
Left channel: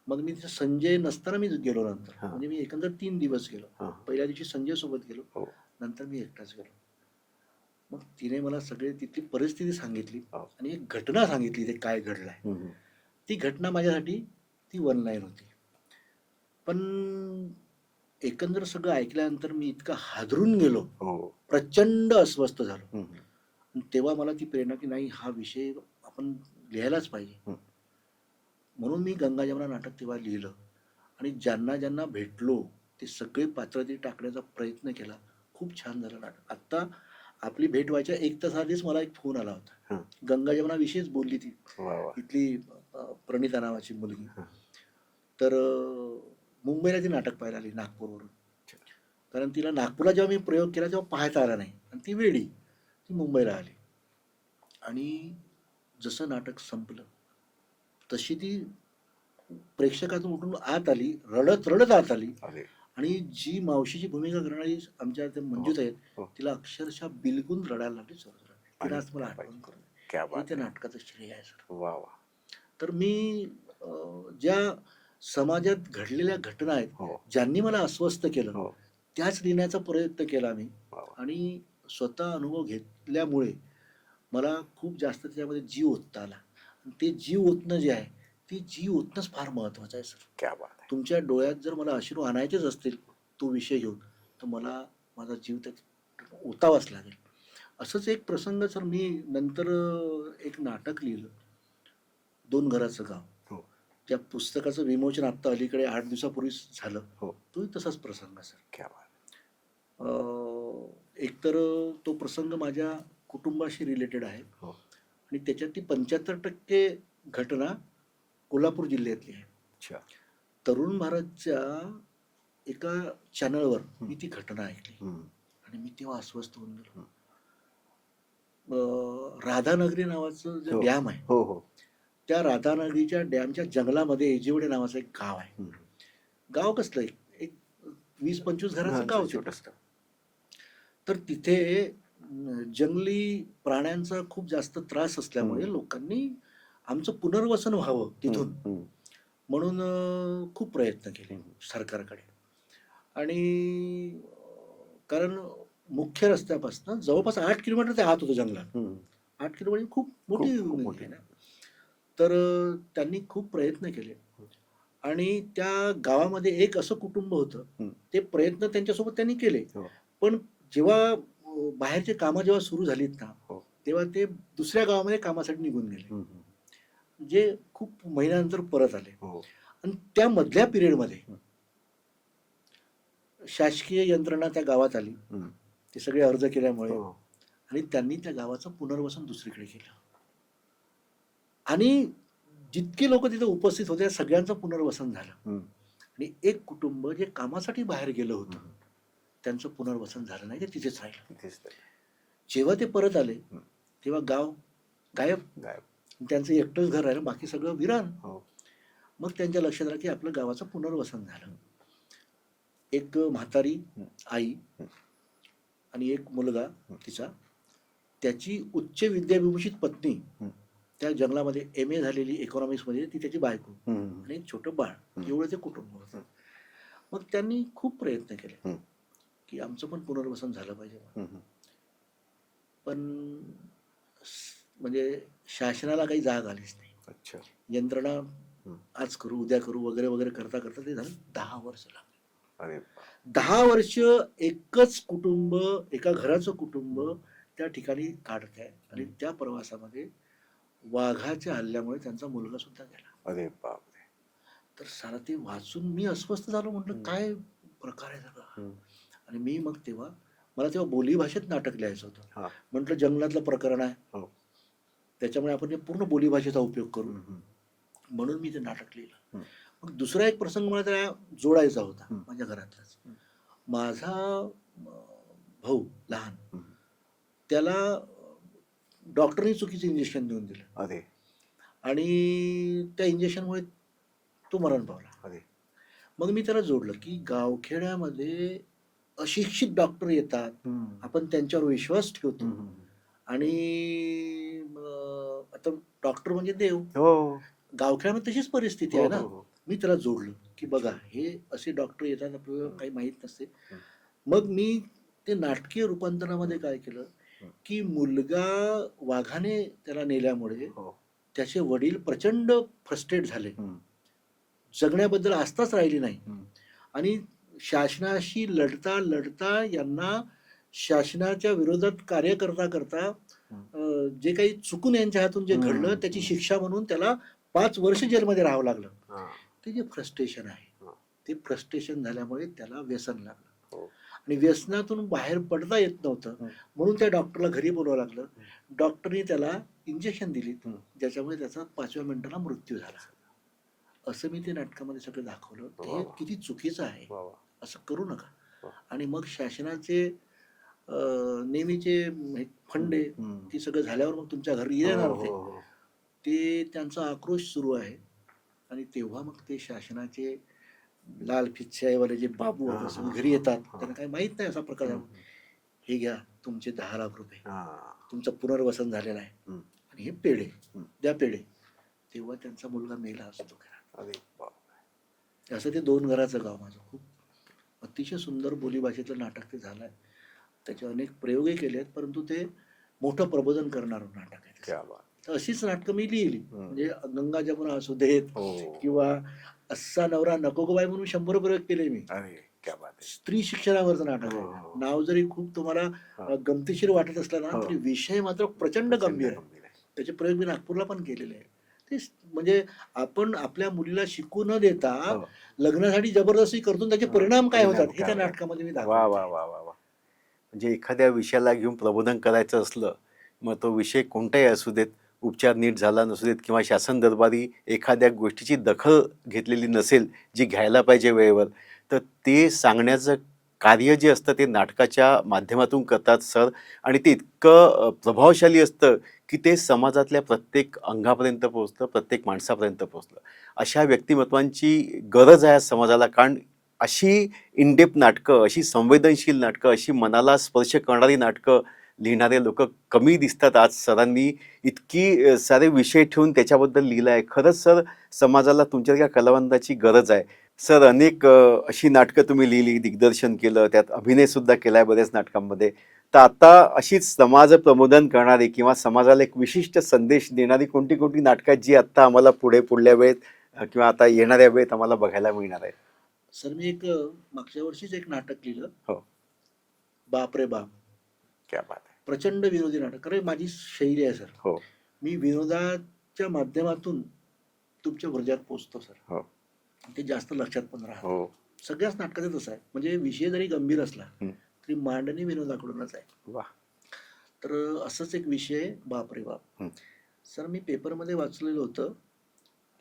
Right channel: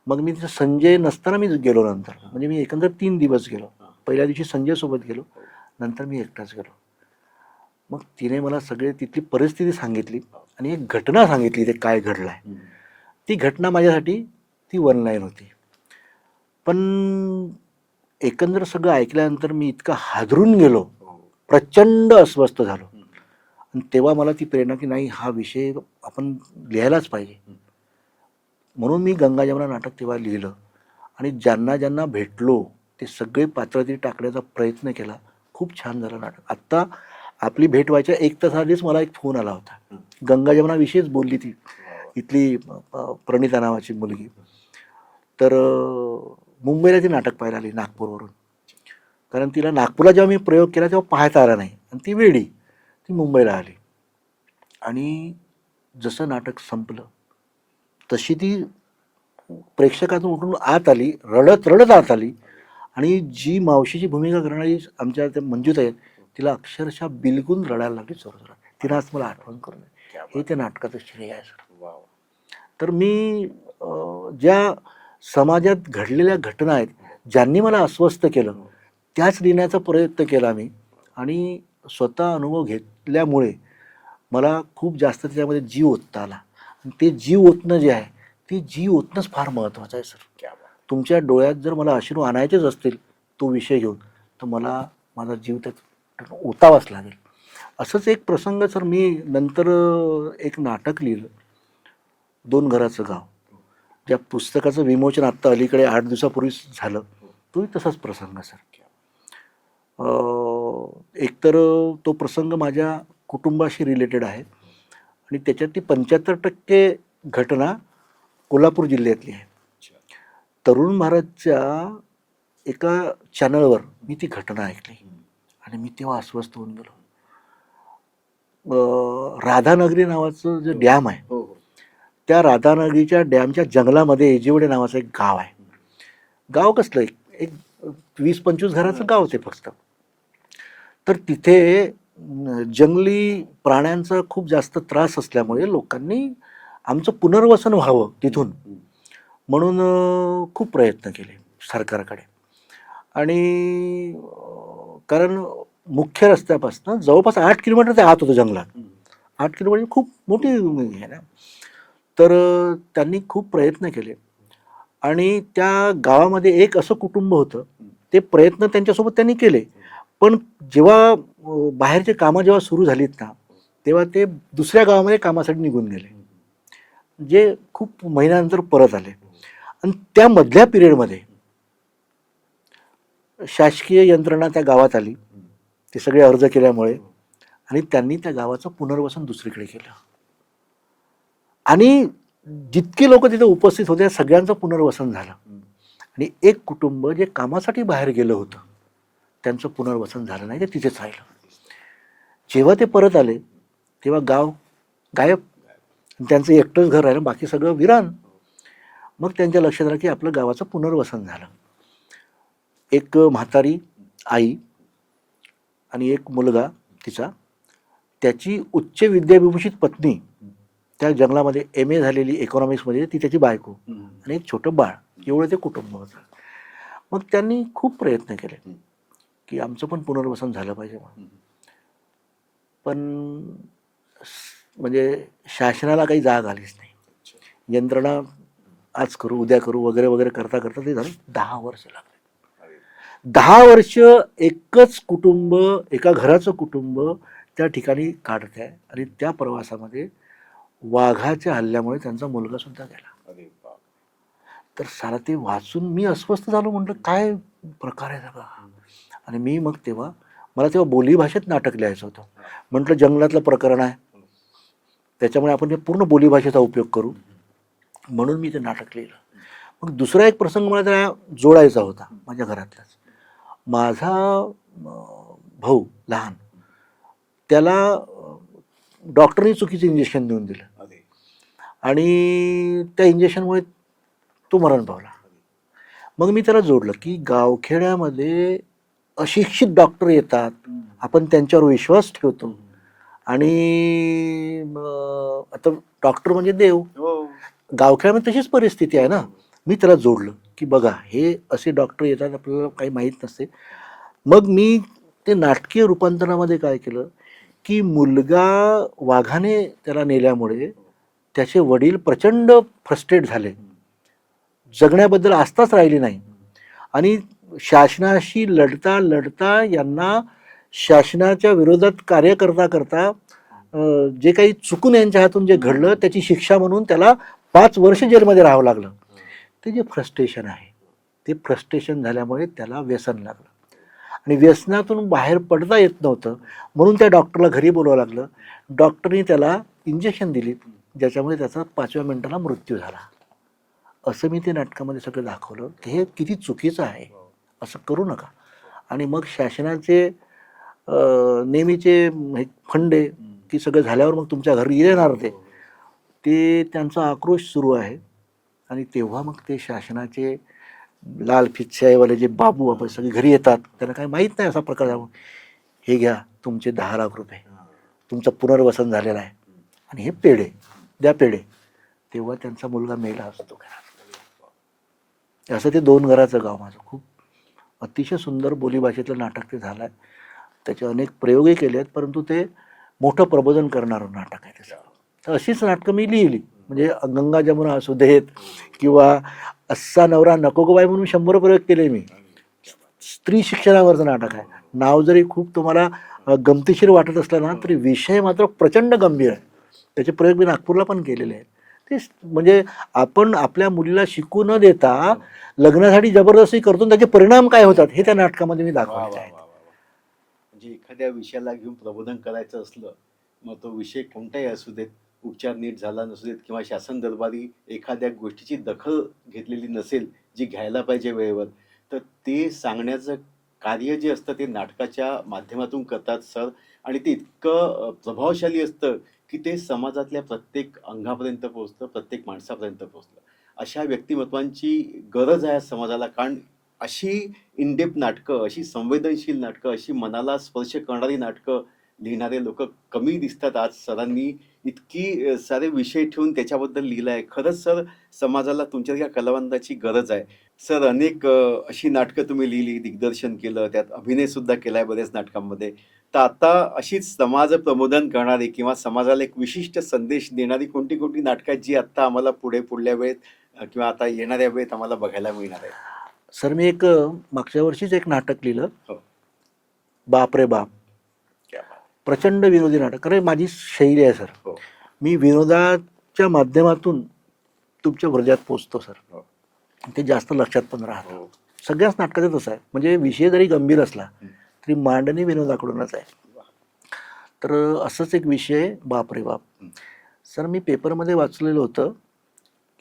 मग मी तिथं संजय नसताना मी गेलो नंतर, हां. म्हणजे मी एकंदर 3 दिवस गेलो. हां. पहिल्या दिवशी संजय सोबत गेलो, हो. नंतर मी एकटाच गेलो. मग तिने मला सगळे तिथली परिस्थिती सांगितली हो. आणि एक घटना सांगितली, ते काय घडलंय. हम्म. ती घटना माझ्यासाठी ती वन लाईन होती. पण एकंदर सगळं ऐकल्यानंतर मी इतका हादरून गेलो, हो प्रचंड अस्वस्थ झालो. हम्म. आणि तेव्हा मला ती प्रेरणा की नाही, हा विषय आपण लिहायलाच पाहिजे. म्हणून मी गंगा जमुना नाटक तेव्हा लिहिलं आणि ज्यांना ज्यांना भेटलो ते सगळे पात्र तिथे टाकण्याचा प्रयत्न केला. खूप छान झालं नाटक. आत्ता आपली भेट व्हायच्या 1 तास आधीच मला एक फोन आला होता. हं. गंगा जमुनाविषयीच बोलली ती वा वा. इथली प्रणिता नावाची मुलगी. तर मुंबईला ती नाटक पाहायला आली नागपूरवरून. कारण तिला नागपूरला जेव्हा मी प्रयोग केला तेव्हा पाहता आला नाही आणि ती वेडी, ती मुंबईला आली. आणि जसं नाटक संपलं तशी ती प्रेक्षकातून उठून आत आली, रडत रडत आत आली. अरे. आणि जी मावशीची भूमिका करणारी आमच्या त्या मंजूत आहेत, हो. तिला अक्षरशः बिलगून रडायला लागली जोरजोरात. तिनं आज मला आठवण करून क्या हे बात. त्या नाटकाचं श्रेय आहे सर. वा वा. तर मी ज्या समाजात घडलेल्या घटना आहेत, हो. ज्यांनी मला अस्वस्थ केलं, हो. त्याच लिहिण्याचा प्रयत्न केला मी. वा वा. आणि स्वतः अनुभव घेतल्यामुळे मला खूप जास्त त्याच्यामध्ये जीव ओतता आला. आणि ते जीव ओतणं जे आहे, ते जीव ओतणंच फार महत्त्वाचं आहे सर. क्या बात. तुमच्या डोळ्यात जर मला अश्रू आणायचेच असतील तो विषय घेऊन, तर मला माझा जीव त्यात ओतावाच लागेल. असंच एक प्रसंग सर, मी नंतर एक नाटक लिहिलं, 2 घराचं गाव. हो. त्या पुस्तकाचं विमोचन आत्ता अलीकडे 8 दिवसापूर्वी झालं. हो. तोही तसाच प्रसंग सर. क्या बात. एकतर तो प्रसंग माझ्या कुटुंबाशी रिलेटेड आहे हो. आणि त्याच्यातली 75% घटना कोल्हापूर जिल्ह्यातली आहे. अच्छा. तरुण भारतच्या एका चॅनलवर मी ती घटना ऐकली आणि मी तेव्हा अस्वस्थ होऊन गेलो. राधानगरी नावाचं जे हो. डॅम आहे, हो हो. त्या राधानगरीच्या डॅमच्या जंगलामध्ये एजिवडे नावाचं एक गाव आहे. गाव कसलं एक 20-25 घराचं गाव ते फक्त. तर तिथे जंगली प्राण्यांचा खूप जास्त त्रास असल्यामुळे लोकांनी आमचं पुनर्वसन व्हावं तिथून म्हणून खूप प्रयत्न केले सरकारकडे. आणि कारण मुख्य रस्त्यापासून जवळपास 8 किलोमीटर ते आत होतं जंगलात. 8 किलोमीटर खूप मोठी आहे ना. तर त्यांनी खूप प्रयत्न केले आणि त्या गावामध्ये एक असं कुटुंब होतं. ते प्रयत्न त्यांच्यासोबत त्यांनी केले, पण जेव्हा बाहेरचे कामं जेव्हा सुरू झालीत ना, तेव्हा ते दुसऱ्या गावामध्ये कामासाठी निघून गेले, जे खूप महिन्यानंतर परत आले. आणि त्या मधल्या पिरियडमध्ये शासकीय यंत्रणा त्या गावात आली, ते सगळे अर्ज केल्यामुळे, आणि त्यांनी त्या गावाचं पुनर्वसन दुसरीकडे केलं. आणि जितके लोक तिथे उपस्थित होते सगळ्यांचं पुनर्वसन झालं. आणि एक कुटुंब जे कामासाठी बाहेर गेलं होतं त्यांचं पुनर्वसन झालं नाही, ते तिथेच राहिलं. जेव्हा ते परत आले तेव्हा गाव गायब. त्यांचं एकटंच घर राहिलं, बाकी सगळं विरान. मग त्यांच्या लक्षात आलं की आपलं गावाचं पुनर्वसन झालं. एक म्हातारी आई आणि एक मुलगा तिचा, त्याची उच्च विद्याविभूषित पत्नी, त्या जंगलामध्ये MA झालेली इकॉनॉमिक्समध्ये, ती त्याची बायको आणि एक छोटं बाळ, एवढं ते कुटुंब होतं. मग त्यांनी खूप प्रयत्न केले की आमचं पण पुनर्वसन झालं पाहिजे. पण म्हणजे शासनाला काही जाग आलीच नाही. यंत्रणा आज करू उद्या करू वगैरे वगैरे करता करता ते झालं 10 वर्ष लागले. 10 वर्ष एकच कुटुंब, एका घराचं कुटुंब त्या ठिकाणी काढत आहे. आणि त्या प्रवासामध्ये वाघाच्या हल्ल्यामुळे त्यांचा मुलगा सुद्धा गेला. अरे बाप. तर सारा ते वाचून मी अस्वस्थ झालो. म्हटलं काय प्रकार आहे सगळा. आणि मी मग तेव्हा मला तेव्हा बोलीभाषेत नाटक लिहायचं होतं. म्हटलं जंगलातलं प्रकरण आहे, त्याच्यामुळे आपण ते पूर्ण बोलीभाषेचा उपयोग करू, म्हणून मी ते नाटक लिहिलं. मग दुसरा एक प्रसंग मला त्या जोडायचा होता माझ्या घरातलाच. माझा भाऊ लहान, त्याला डॉक्टरनी चुकीचं इंजेक्शन देऊन दिलं आणि त्या इंजेक्शनमुळे तो मरण पावला. मग मी त्याला जोडलं की गावखेड्यामध्ये अशिक्षित डॉक्टर येतात, आपण त्यांच्यावर विश्वास ठेवतो आणि आता डॉक्टर म्हणजे देव. गावखेड्यामध्ये तशीच परिस्थिती आहे ना. मी त्याला जोडलं की बघा हे असे डॉक्टर येतात, आपल्याला काही माहीत नसते. मग मी ते नाटकीय रूपांतरणामध्ये काय केलं की मुलगा वाघाने त्याला नेल्यामुळे त्याचे वडील प्रचंड फ्रस्ट्रेट झाले, जगण्याबद्दल आस्थाच राहिली नाही. आणि शासनाशी लढता लढता यांना शासनाच्या विरोधात कार्य करता करता जे काही चुकून यांच्या हातून जे घडलं त्याची शिक्षा म्हणून त्याला 5 वर्ष जेलमध्ये राहावं लागलं. ते जे फ्रस्ट्रेशन आहे, ते फ्रस्ट्रेशन झाल्यामुळे त्याला व्यसन लागलं आणि व्यसनातून बाहेर पडता येत नव्हतं, म्हणून त्या डॉक्टरला घरी बोलावं लागलं. डॉक्टरनी त्याला इंजेक्शन दिली, ज्याच्यामुळे त्याचा 5व्या मिनिटाला मृत्यू झाला. असं मी ते नाटकामध्ये सगळं दाखवलं की हे किती चुकीचं आहे, असं करू नका. आणि मग शासनाचे नेहमीचे फंडे की सगळं झाल्यावर मग तुमच्या घरी येणार ते त्यांचा आक्रोश सुरू आहे. आणि तेव्हा मग ते शासनाचे लाल फितशाहीवाले जे बाबू आपण सगळे घरी येतात, त्यांना काही माहीत नाही असा प्रकार झाला. हे घ्या तुमचे 10 लाख रुपये, तुमचं पुनर्वसन झालेलं आहे आणि हे पेढे द्या, पेढे. तेव्हा त्यांचा मुलगा मेला असतो. असं ते 2 घराचं गाव माझं. खूप अतिशय सुंदर बोलीभाषेतलं नाटक ते झालं आहे. त्याचे अनेक प्रयोगही केले आहेत, परंतु ते मोठं प्रबोधन करणारं नाटक आहे. तर अशीच नाटकं मी लिहिली, म्हणजे गंगा जमुना असू देत किंवा अस्सा नवरा नको गो बाई म्हणून 100 प्रयोग केले मी. स्त्री शिक्षणावरचं नाटक आहे. नाव जरी खूप तुम्हाला गमतीशीर वाटत असलं ना, तरी विषय मात्र प्रचंड गंभीर आहे. त्याचे प्रयोग मी नागपूरला पण केलेले आहेत. ते म्हणजे आपण आपल्या मुलीला शिकू न देता लग्नासाठी जबरदस्ती करतो, त्याचे परिणाम काय होतात हे त्या नाटकामध्ये मी दाखवतो. म्हणजे एखाद्या विषयाला घेऊन प्रबोधन करायचं असलं, मग तो विषय कोणताही असू देत, उपचार नीट झाला नसू देत किंवा शासन दरबारी एखाद्या गोष्टीची दखल घेतलेली नसेल जी घ्यायला पाहिजे वेळेवर, तर ते सांगण्याचं कार्य जे असतं ते नाटकाच्या माध्यमातून करतात सर, आणि ते इतकं प्रभावशाली असतं की ते समाजातल्या प्रत्येक अंगापर्यंत पोहोचतं, प्रत्येक माणसापर्यंत पोहोचलं. अशा व्यक्तिमत्वांची गरज आहे आज समाजाला, कारण अशी इनडेप्थ नाटकं, अशी संवेदनशील नाटकं, अशी मनाला स्पर्श करणारी नाटकं लिहिणारे लोक कमी दिसतात. आज सरांनी इतकी सारे विषय ठेवून त्याच्याबद्दल लिहिलं आहे. खरंच सर, समाजाला तुमच्या कलावंताची गरज आहे. सर, अनेक अशी नाटकं तुम्ही लिहिली, दिग्दर्शन केलं, त्यात अभिनय सुद्धा केलाय बऱ्याच नाटकांमध्ये. तर आता अशीच समाज प्रबोधन करणारी किंवा समाजाला एक विशिष्ट संदेश देणारी कोणती कोणती नाटकं आहेत, जी आता आम्हाला पुढल्या वेळेत किंवा आता येणाऱ्या वेळेत आम्हाला बघायला मिळणार आहे? सर मी एक मागच्या वर्षीच एक नाटक लिहिलं, हो. बाप रे बाप. क्या बात आहे. प्रचंड विनोदी नाटक, कारण माझी शैली आहे सर. हो. मी विनोदाच्या माध्यमातून तुमच्या हृदयात पोचतो सर. हो. ते जास्त लक्षात पण राहतं. हो. सगळ्याच नाटकाचं तसं आहे. म्हणजे विषय जरी गंभीर असला हं. तरी मांडणी विनोदाकडूनच आहे. वा. तर असंच एक विषय बाप रे बाप. हं. सर मी पेपरमध्ये वाचलेलं होतं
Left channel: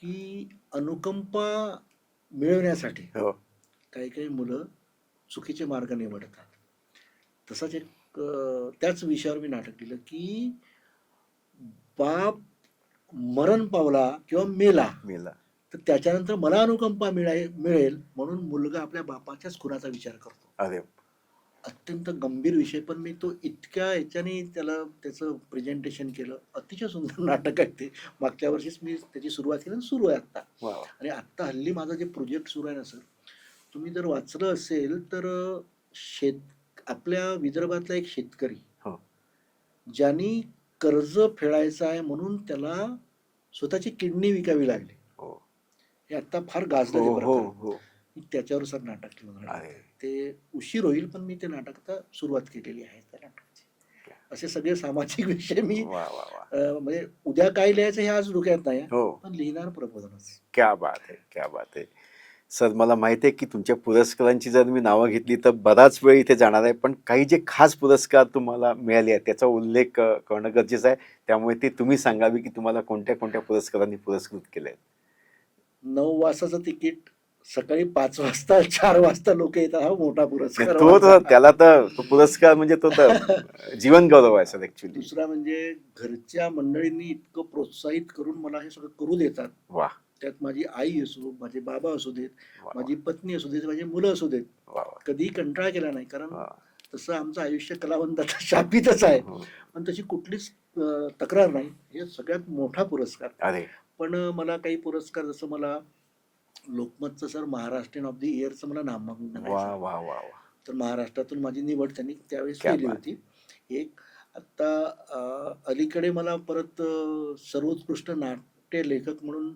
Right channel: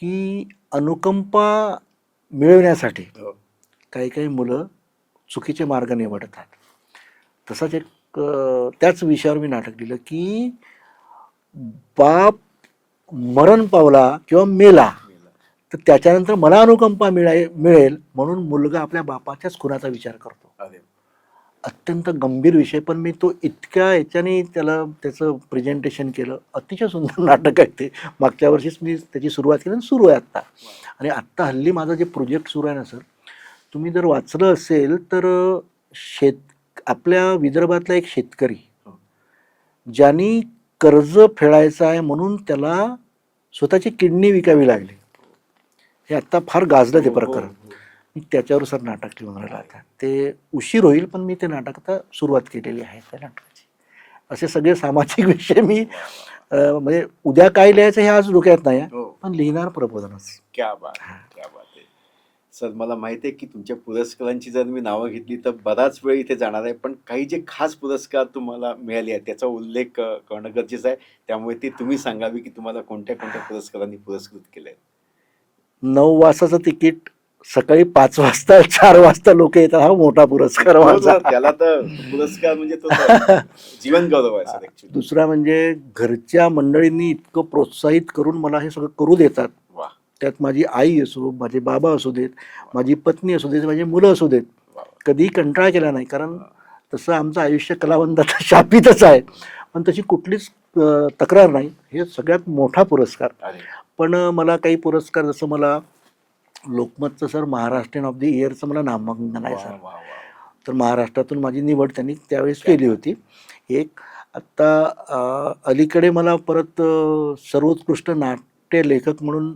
की अनुकंपा मिळवण्यासाठी हो. काही काही मुलं चुकीचे मार्ग निवडतात. तसाच एक त्याच विषयावर मी नाटक लिहिलं की बाप मरण पावला किंवा मेला मेला. तर त्याच्यानंतर मला अनुकंपा मिळेल म्हणून मुलगा आपल्या बापाच्याच खुनाचा विचार करतो. अरे. अत्यंत गंभीर विषय, पण मी तो इतक्या याच्याने त्याचं प्रेझेंटेशन केलं. अतिशय सुंदर नाटक आहे ते. मागच्या वर्षीच मी त्याची सुरुवात केली आणि सुरू आहे आत्ता. वा. आणि आत्ता हल्ली माझं जे प्रोजेक्ट सुरू आहे ना सर, तुम्ही जर वाचलं असेल तर आपल्या विदर्भातला एक शेतकरी हो. ज्यांनी कर्ज फेडायचं आहे म्हणून त्याला स्वतःची किडनी विकावी लागली. हो. हे आत्ता फार गाजलं ते हो, हो, प्रकरण. हो. मी त्याच्यावर सर नाटक लिहून राहिलं अरे. आता. ते उशीर होईल, पण मी ते नाटक आता सुरुवात केलेली आहे त्या नाटकाची. असे सगळे सामाजिक विषय मी वा, वा, वा. म्हणजे उद्या काय लिहायचं हे आज डोक्यात नाही आहे, हो. पण लिहिणार प्रबोधनच. क्या बात आहे, क्या बात आहे. सर, मला माहिती आहे की तुमच्या पुरस्कारांची जर मी नावं घेतली तर बराच वेळ इथे जाणार आहे, पण काही जे खास पुरस्कार तुम्हाला मिळाले आहेत त्याचा उल्लेख करणं गरजेचं आहे. त्यामुळे ते तुम्ही सांगावी की तुम्हाला कोणत्या कोणत्या पुरस्कारांनी पुरस्कृत केले आहेत. 9 वाजताचं तिकीट सकाळी 5 वाजता 4 वाजता लोक येतात, हा मोठा पुरस्कार हो माझा. सर, त्याला तर तो पुरस्कार म्हणजे तो तर जीवन गौरव आहे सर ऍक्च्युली. दुसरा म्हणजे घरच्या मंडळींनी इतकं प्रोत्साहित करून मला हे सगळं करू देतात. वा. त्यात माझी आई असो, माझे बाबा असू देत, वा. माझी पत्नी असू देत, माझी मुलं असू देत, वा, वा. कधीही कंटाळा केला नाही. कारण वा. तसं आमचं आयुष्य कलावंताचं शापितच आहे, पण तशी कुठलीच तक्रार नाही. हे सगळ्यात मोठा पुरस्कार. अरे. पण मला काही पुरस्कार, जसं मला लोकमतचं सर महाराष्ट्रीयन ऑफ द इयरचं मला नामांकन आहे वा, सर. वा, वा, वा. तर महाराष्ट्रातून माझी निवड त्यांनी त्यावेळेस क्या केली बात. होती. एक आत्ता अलीकडे मला परत सर्वोत्कृष्ट नाट्य लेखक म्हणून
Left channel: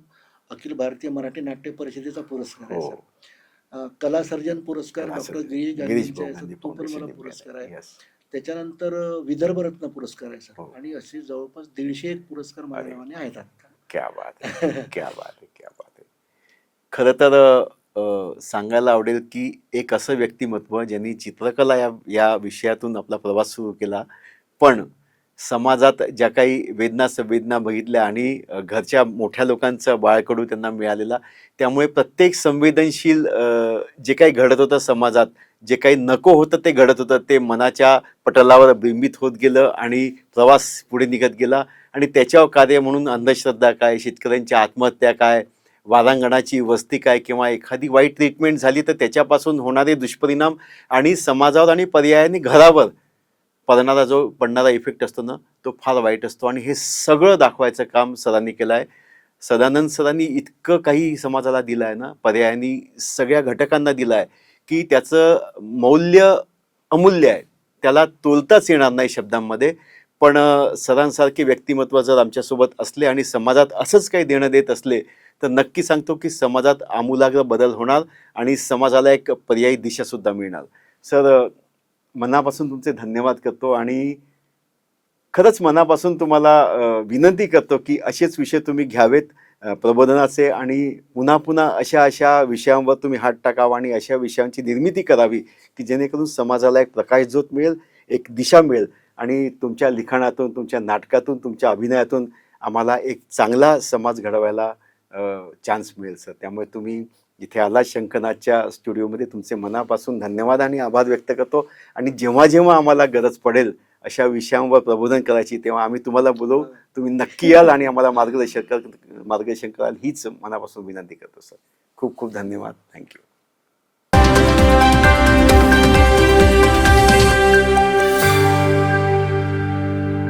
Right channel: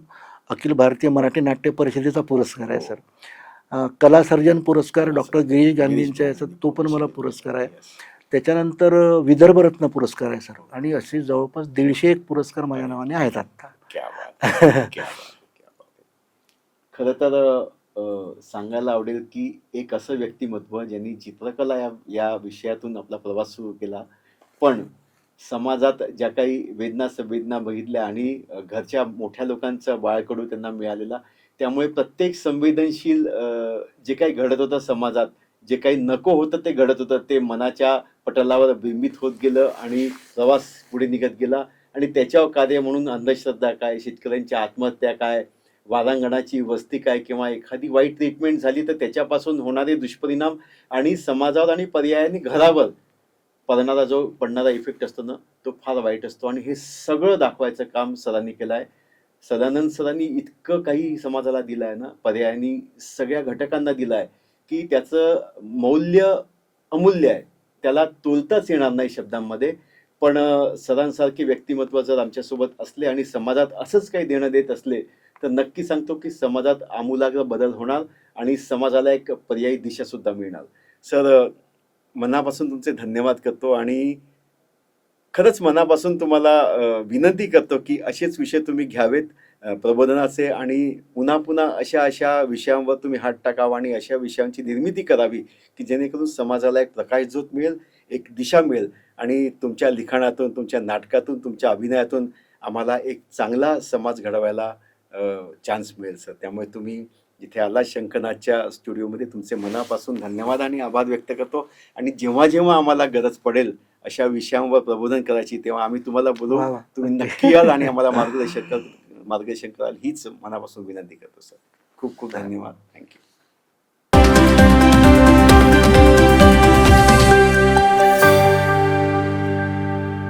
अखिल भारतीय मराठी नाट्य परिषदेचा पुरस्कार आहे हो. सर. कला सर्जन पुरस्कार कला डॉक्टर सर्जन. गिरीश गिरीश गांधींच्या याचा गांधी तो पण मला फाउंडेशन पुरस्कार इंडिया. आहे. Yes. त्याच्यानंतर विदर्भरत्न पुरस्कार आहे सर. हो. आणि असे जवळपास 150 पुरस्कार माझ्या अरे. नावाने आहेत आता. क्या बात आहे, क्या बात आहे, क्या बात आहे. खरं तर सांगायला आवडेल की एक असं व्यक्तिमत्व ज्यांनी चित्रकला या विषयातून आपला प्रवास सुरू केला, पण समाजात ज्या काही वेदना संवेदना बघितल्या आणि घरच्या मोठ्या लोकांचं बाळकडू त्यांना मिळालेला, त्यामुळे प्रत्येक संवेदनशील जे काही घडत होतं समाजात, जे काही नको होतं ते घडत होतं, ते मनाच्या पटलावर बिंबित होत गेलं आणि प्रवास पुढे निघत गेला. आणि त्याच्यावर कार्य म्हणून अंधश्रद्धा काय, शेतकऱ्यांची आत्महत्या काय, वारांगणाची वस्ती काय, किंवा एखादी वाईट ट्रीटमेंट झाली तर त्याच्यापासून होणारे दुष्परिणाम आणि समाजावर आणि पर्यायाने घरावर पडणारा इफेक्ट असतो ना, तो फार वाईट असतो. आणि हे सगळं दाखवायचं काम सरांनी केलं आहे. सदानंद सरांनी इतकं काही समाजाला दिलं आहे ना, पर्यायाने सगळ्या घटकांना दिलं आहे की त्याचं मौल्य अमूल्य आहे, त्याला तोलताच येणार नाही शब्दांमध्ये. पण सरांसारखे व्यक्तिमत्व जर आमच्यासोबत असले आणि समाजात असंच काही देणं देत असले तर नक्की सांगतो की समाजात आमूलाग्र बदल होणार आणि समाजाला एक पर्यायी दिशा सुद्धा मिळणार. सर, मनापासून तुमचे धन्यवाद करतो आणि खरंच मनापासून तुम्हाला विनंती करतो की असेच विषय तुम्ही घ्यावेत प्रबोधनाचे, आणि पुन्हा पुन्हा अशा अशा विषयांवर तुम्ही हात टाकावा आणि अशा विषयांची निर्मिती करावी की जेणेकरून समाजाला एक प्रकाशझोत मिळेल, एक दिशा मिळेल. आणि तुमच्या लिखाणातून, तुमच्या नाटकातून, तुमच्या अभिनयातून आम्हाला एक चांगला समाज घडवायला चान्स मिळेल सर. त्यामुळे तुम्ही जिथे आला शंखनाथच्या स्टुडिओमध्ये तुमचे मनापासून धन्यवाद आणि आभार व्यक्त करतो. आणि जेव्हा जेव्हा आम्हाला गरज पडेल अशा विषयांवर प्रबोधन करायची तेव्हा आम्ही तुम्हाला बोलवू. वा वा. तुम्ही नक्की याल आणि आम्हाला मार्गदर्शन कराल हीच मनापासून विनंती करतो सर. खूप खूप धन्यवाद. थँक्यू.